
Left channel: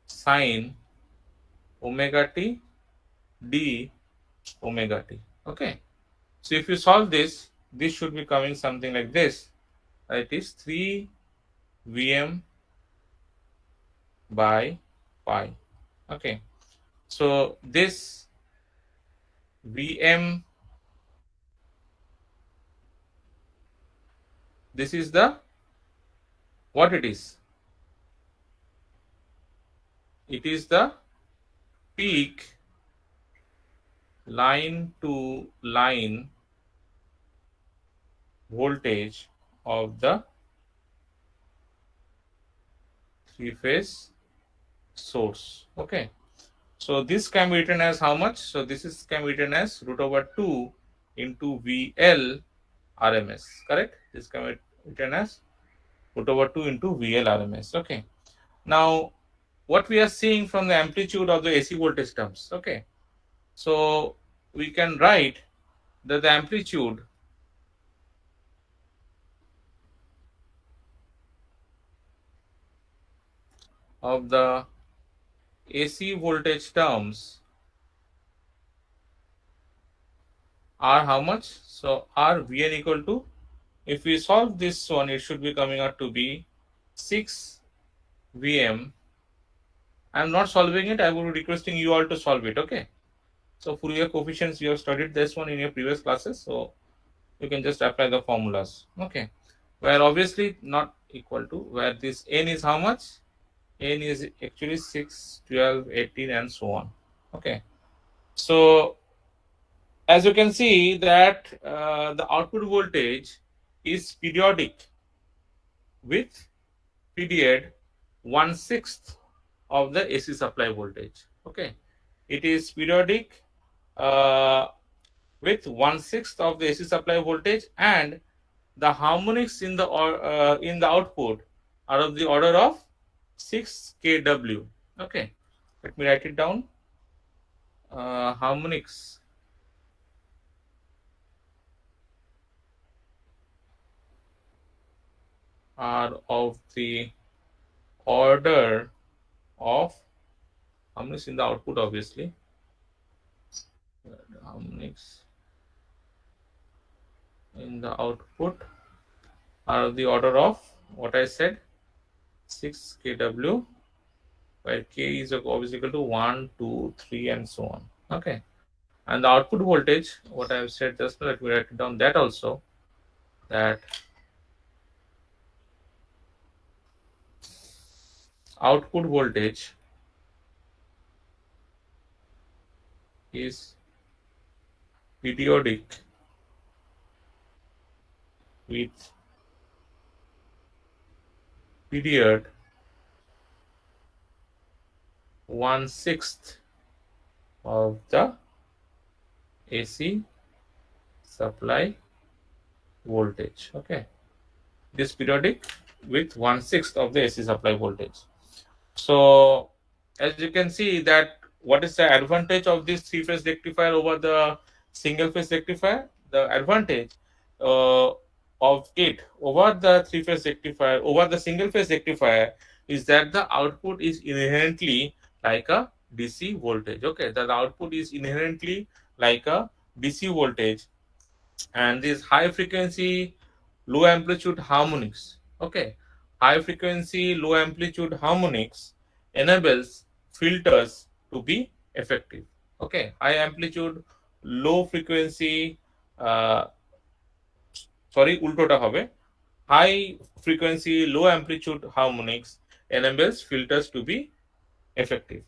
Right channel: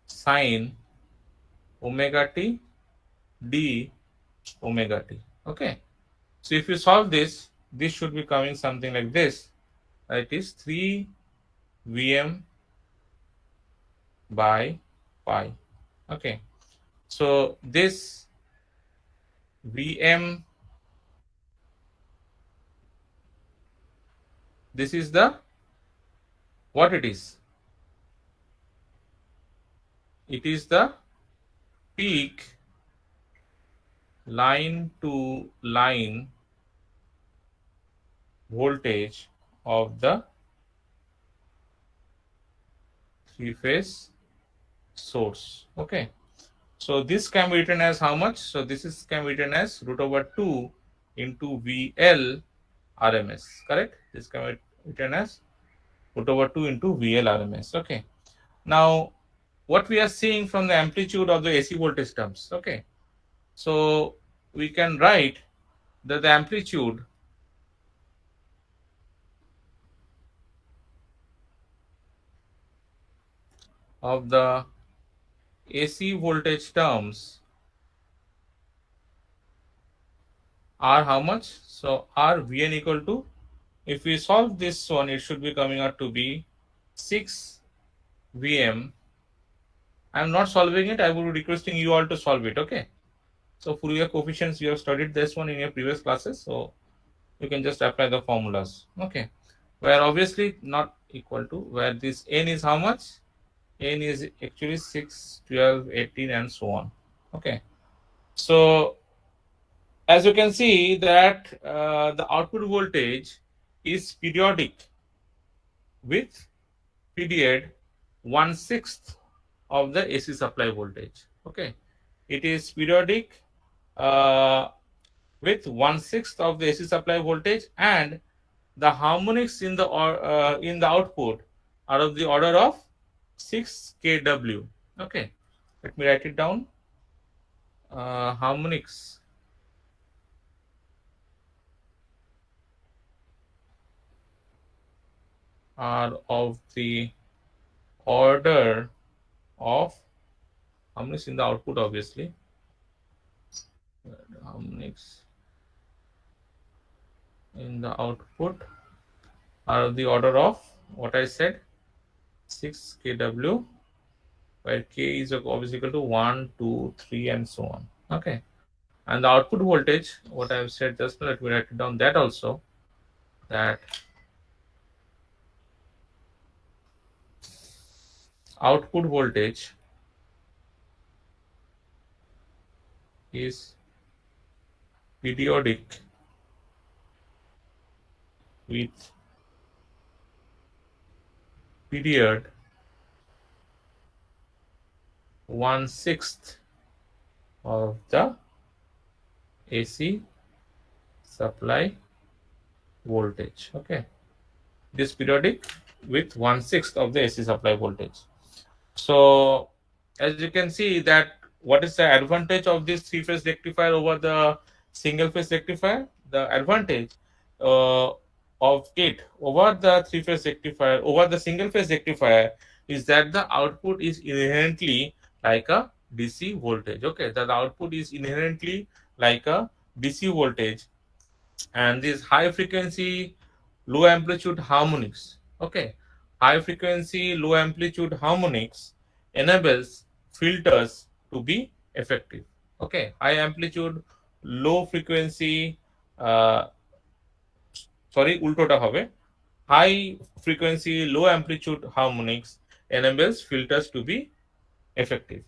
sine omega t d omega t. Okay. So if you solve this, this should be coming something like this. It is 3 Vm by pi. Okay. So this Vm, this is the, what it is? It is the peak line to line voltage of the three-phase source. Okay. So this can be written as how much? So this is can be written as root over 2 into VL RMS. Correct? This can be written as root over 2 into VL RMS. Okay. Now, what we are seeing from the amplitude of the AC voltage terms. Okay. So we can write that the amplitude of the AC voltage terms are how much? So R Vn equal to, if we solve this one, it should be coming out to be 6 Vm. I am not solving it. I will be requesting you all to solve it. Okay. So Fourier coefficients, you have studied this one in your previous classes. So you can just apply the formulas. Okay. Where obviously not equal to, where this n is how much? N is actually 6, 12, 18 and so on. Okay. So as you can see that the output voltage is periodic with period 1/6 of the AC supply voltage. Okay, it is periodic uh, with 1/6 of the AC supply voltage, and the harmonics in the output are of the order of 6 kW. Okay, let me write it down. Harmonics are of the order of harmonics in the output, obviously. Harmonics in the output are of the order of what I said, 6 kW, where k is obviously equal to 1, 2, 3, and so on. Okay. And the output voltage, what I have said just now, let me write it down that also, that output voltage is periodic with period 1/6 of the AC supply voltage. Okay, this periodic with 1/6 of the AC supply voltage. So as you can see that what is the advantage of this three-phase rectifier over the single-phase rectifier? The advantage uh, of it over the three-phase rectifier over the single-phase rectifier is that the output is inherently like a DC voltage. Okay, that the output is inherently like a DC voltage, and this high frequency low amplitude harmonics, okay, high frequency low amplitude harmonics enables filters to be effective. Okay, high amplitude low frequency uh, sorry ultota hobe, high frequency low amplitude harmonics enables filters to be effective.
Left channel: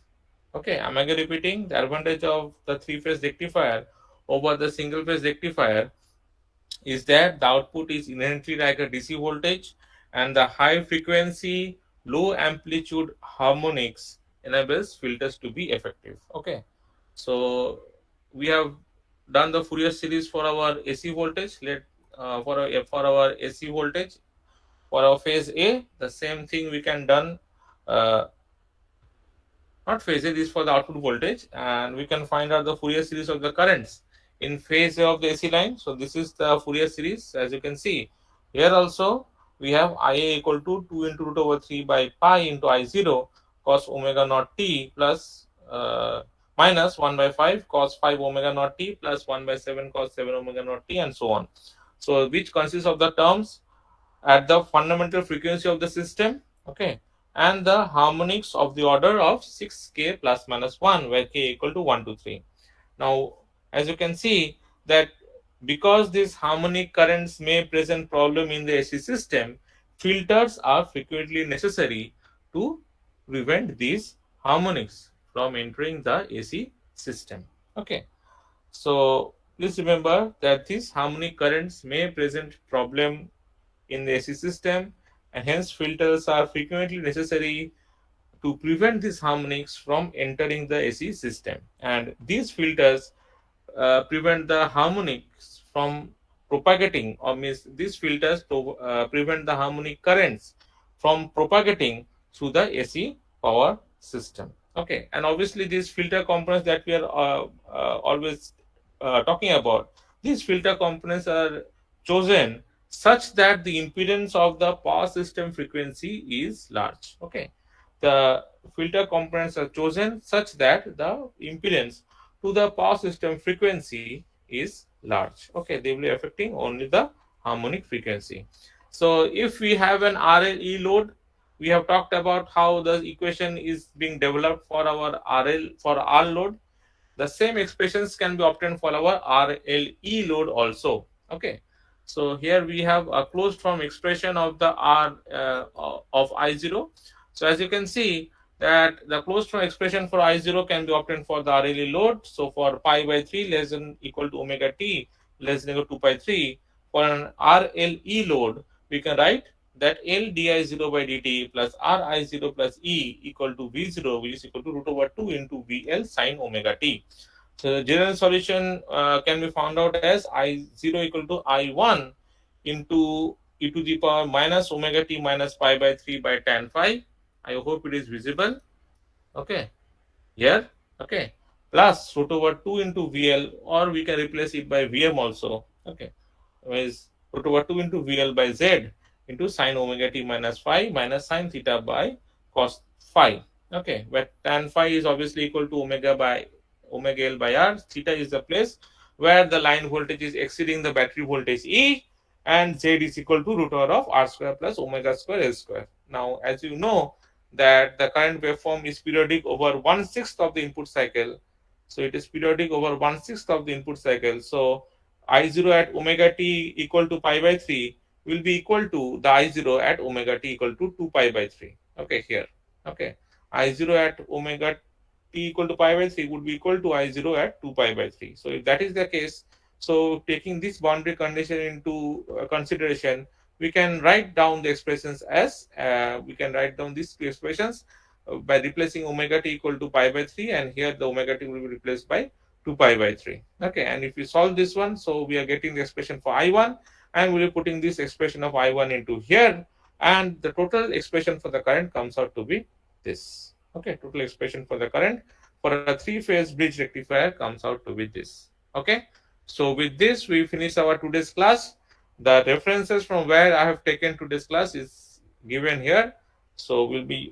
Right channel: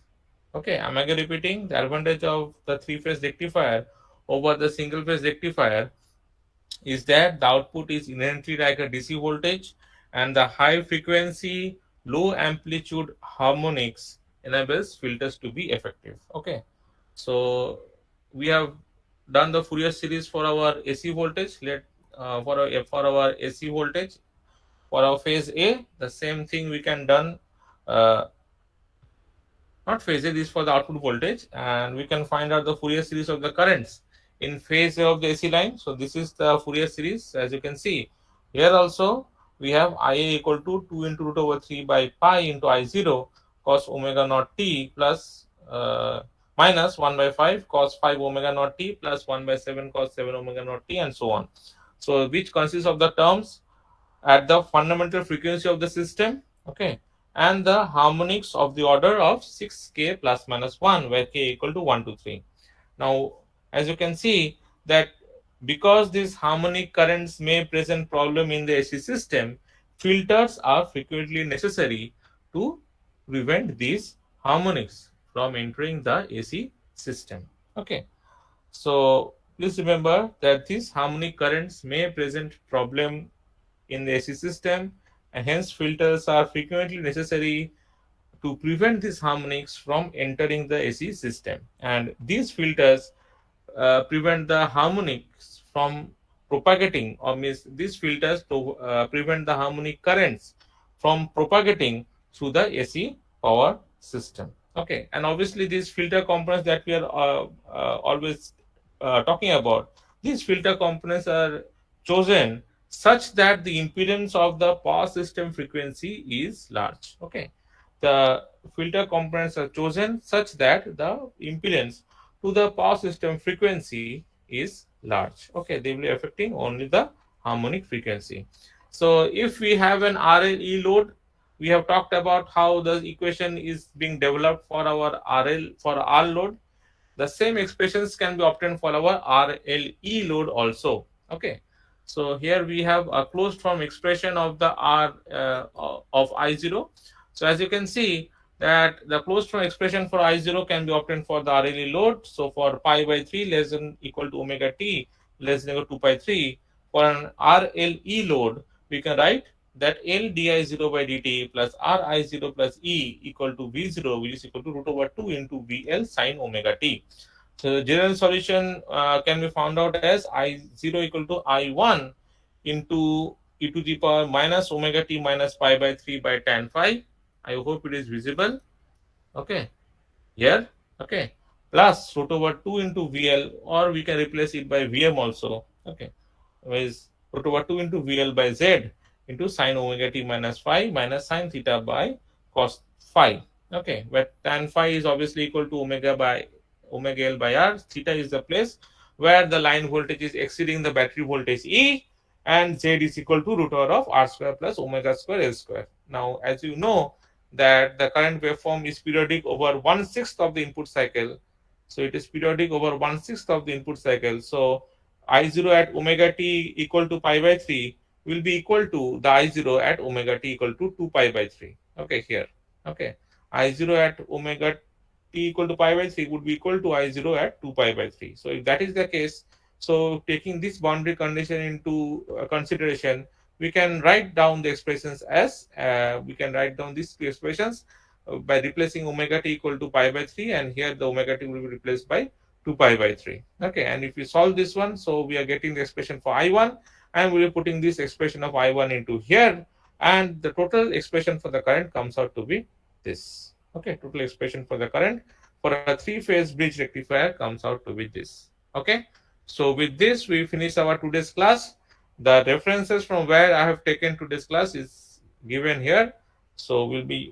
Okay, am I repeating the advantage of the three phase rectifier over the single phase rectifier is that the output is inherently like a DC voltage, and the high frequency low amplitude harmonics enables filters to be effective. Okay, so we have done the Fourier series for our AC voltage. For our AC voltage for our phase A, the same thing we can done. Uh, Not phase A, this is for the output voltage, and we can find out the Fourier series of the currents in phase A of the AC line. So this is the Fourier series. As you can see here also, we have IA equal to 2 into root over 3 by pi into I0 cos omega naught t plus minus 1 by 5 cos 5 omega naught t plus 1 by 7 cos 7 omega naught t, and so on. So which consists of the terms at the fundamental frequency of the system, okay, and the harmonics of the order of 6k plus minus 1, where k equal to 1 to 3. Now, as you can see that because these harmonic currents may present problem in the AC system, filters are frequently necessary to prevent these harmonics from entering the AC system. Okay, so please remember that these harmonic currents may present problem in the AC system, and hence filters are frequently necessary to prevent these harmonics from entering the AC system. And these filters prevent the harmonics from propagating, or means these filters to prevent the harmonic currents from propagating through the AC power system. Okay, and obviously these filter components that we are always talking about, these filter components are chosen such that the impedance of the power system frequency is large. Okay, the filter components are chosen such that the impedance to the power system frequency is large. Okay, they will be affecting only the harmonic frequency. So if we have an RLE load, we have talked about how the equation is being developed for our R load. The same expressions can be obtained for our RLE load also. Okay, so here we have a closed form expression of the R of I0. So as you can see that the closed form expression for I0 can be obtained for the RLE load. So for pi by 3 less than equal to omega t less than equal to 2 by 3, for an RLE load, we can write that L di0 by dt plus Ri0 plus E equal to V0, which is equal to root over 2 into VL sine omega t. So the general solution can be found out as I0 equal to I1 into e to the power minus omega t minus pi by 3 by tan phi. I hope it is visible. Okay, here, okay, plus root over 2 into VL, or we can replace it by VM also. Okay, is root over 2 into VL by Z into sine omega t minus phi minus sine theta by cos phi. Okay, where tan phi is obviously equal to omega L by R. Theta is the place where the line voltage is exceeding the battery voltage E, and Z is equal to root over of R square plus omega square L square. Now, as you know that the current waveform is periodic over 1/6 of the input cycle. So it is periodic over 1/6 of the input cycle. So I0 at omega t equal to pi by 3 will be equal to the I0 at omega t equal to 2 pi by 3. Okay, here. Okay, I0 at omega t equal to pi by 3 would be equal to I0 at 2 pi by 3. So if that is the case, so taking this boundary condition into consideration, we can write down the expressions as we can write down these two expressions by replacing omega t equal to pi by 3, and here the omega t will be replaced by 2 pi by 3. Okay, and if we solve this one, so we are getting the expression for I1, and we are putting this expression of I1 into here, and the total expression for the current comes out to be this. Okay, total expression for the current for a three-phase bridge rectifier comes out to be this. Okay, so with this we finish our today's class. The references from where I have taken today's class is given here. So will be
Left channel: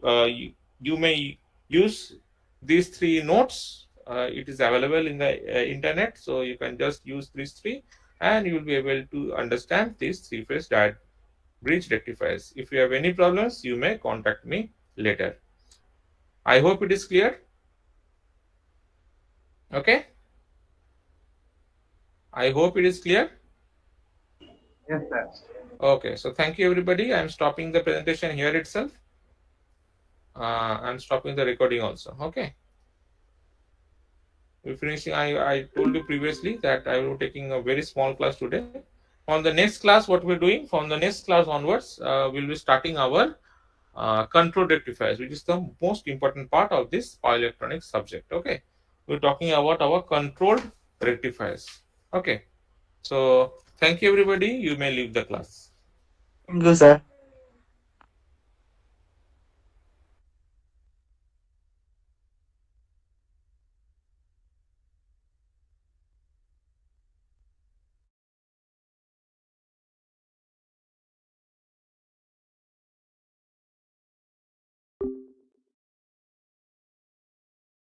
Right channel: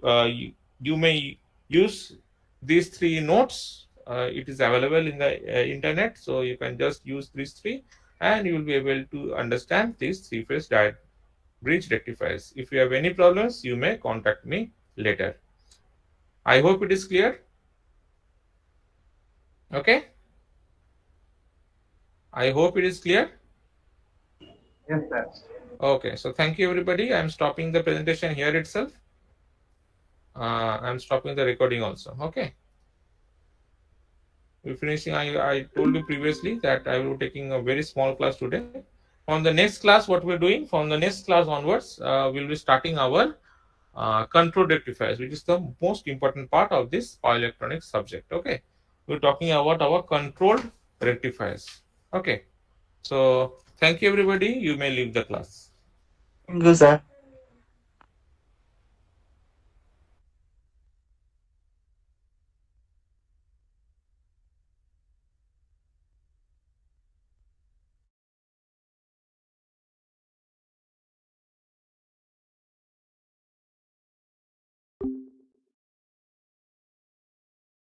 you may use these three notes. It is available in the internet, so you can just use these three, and you will be able to understand these three-phase bridge rectifiers. If you have any problems, you may contact me later. I hope it is clear. Okay. I hope it is clear. Yes, sir. Okay. So thank you, everybody. I'm stopping the presentation here itself. I'm stopping the recording also. Okay. We're finishing. I told you previously that I will be taking a very small class today. On the next class, what we're doing from the next class onwards, we'll be starting our control rectifiers, which is the most important part of this power electronics subject. Okay, we're talking about our controlled rectifiers. Okay, so thank you, everybody. You may leave the class. Thank you, sir.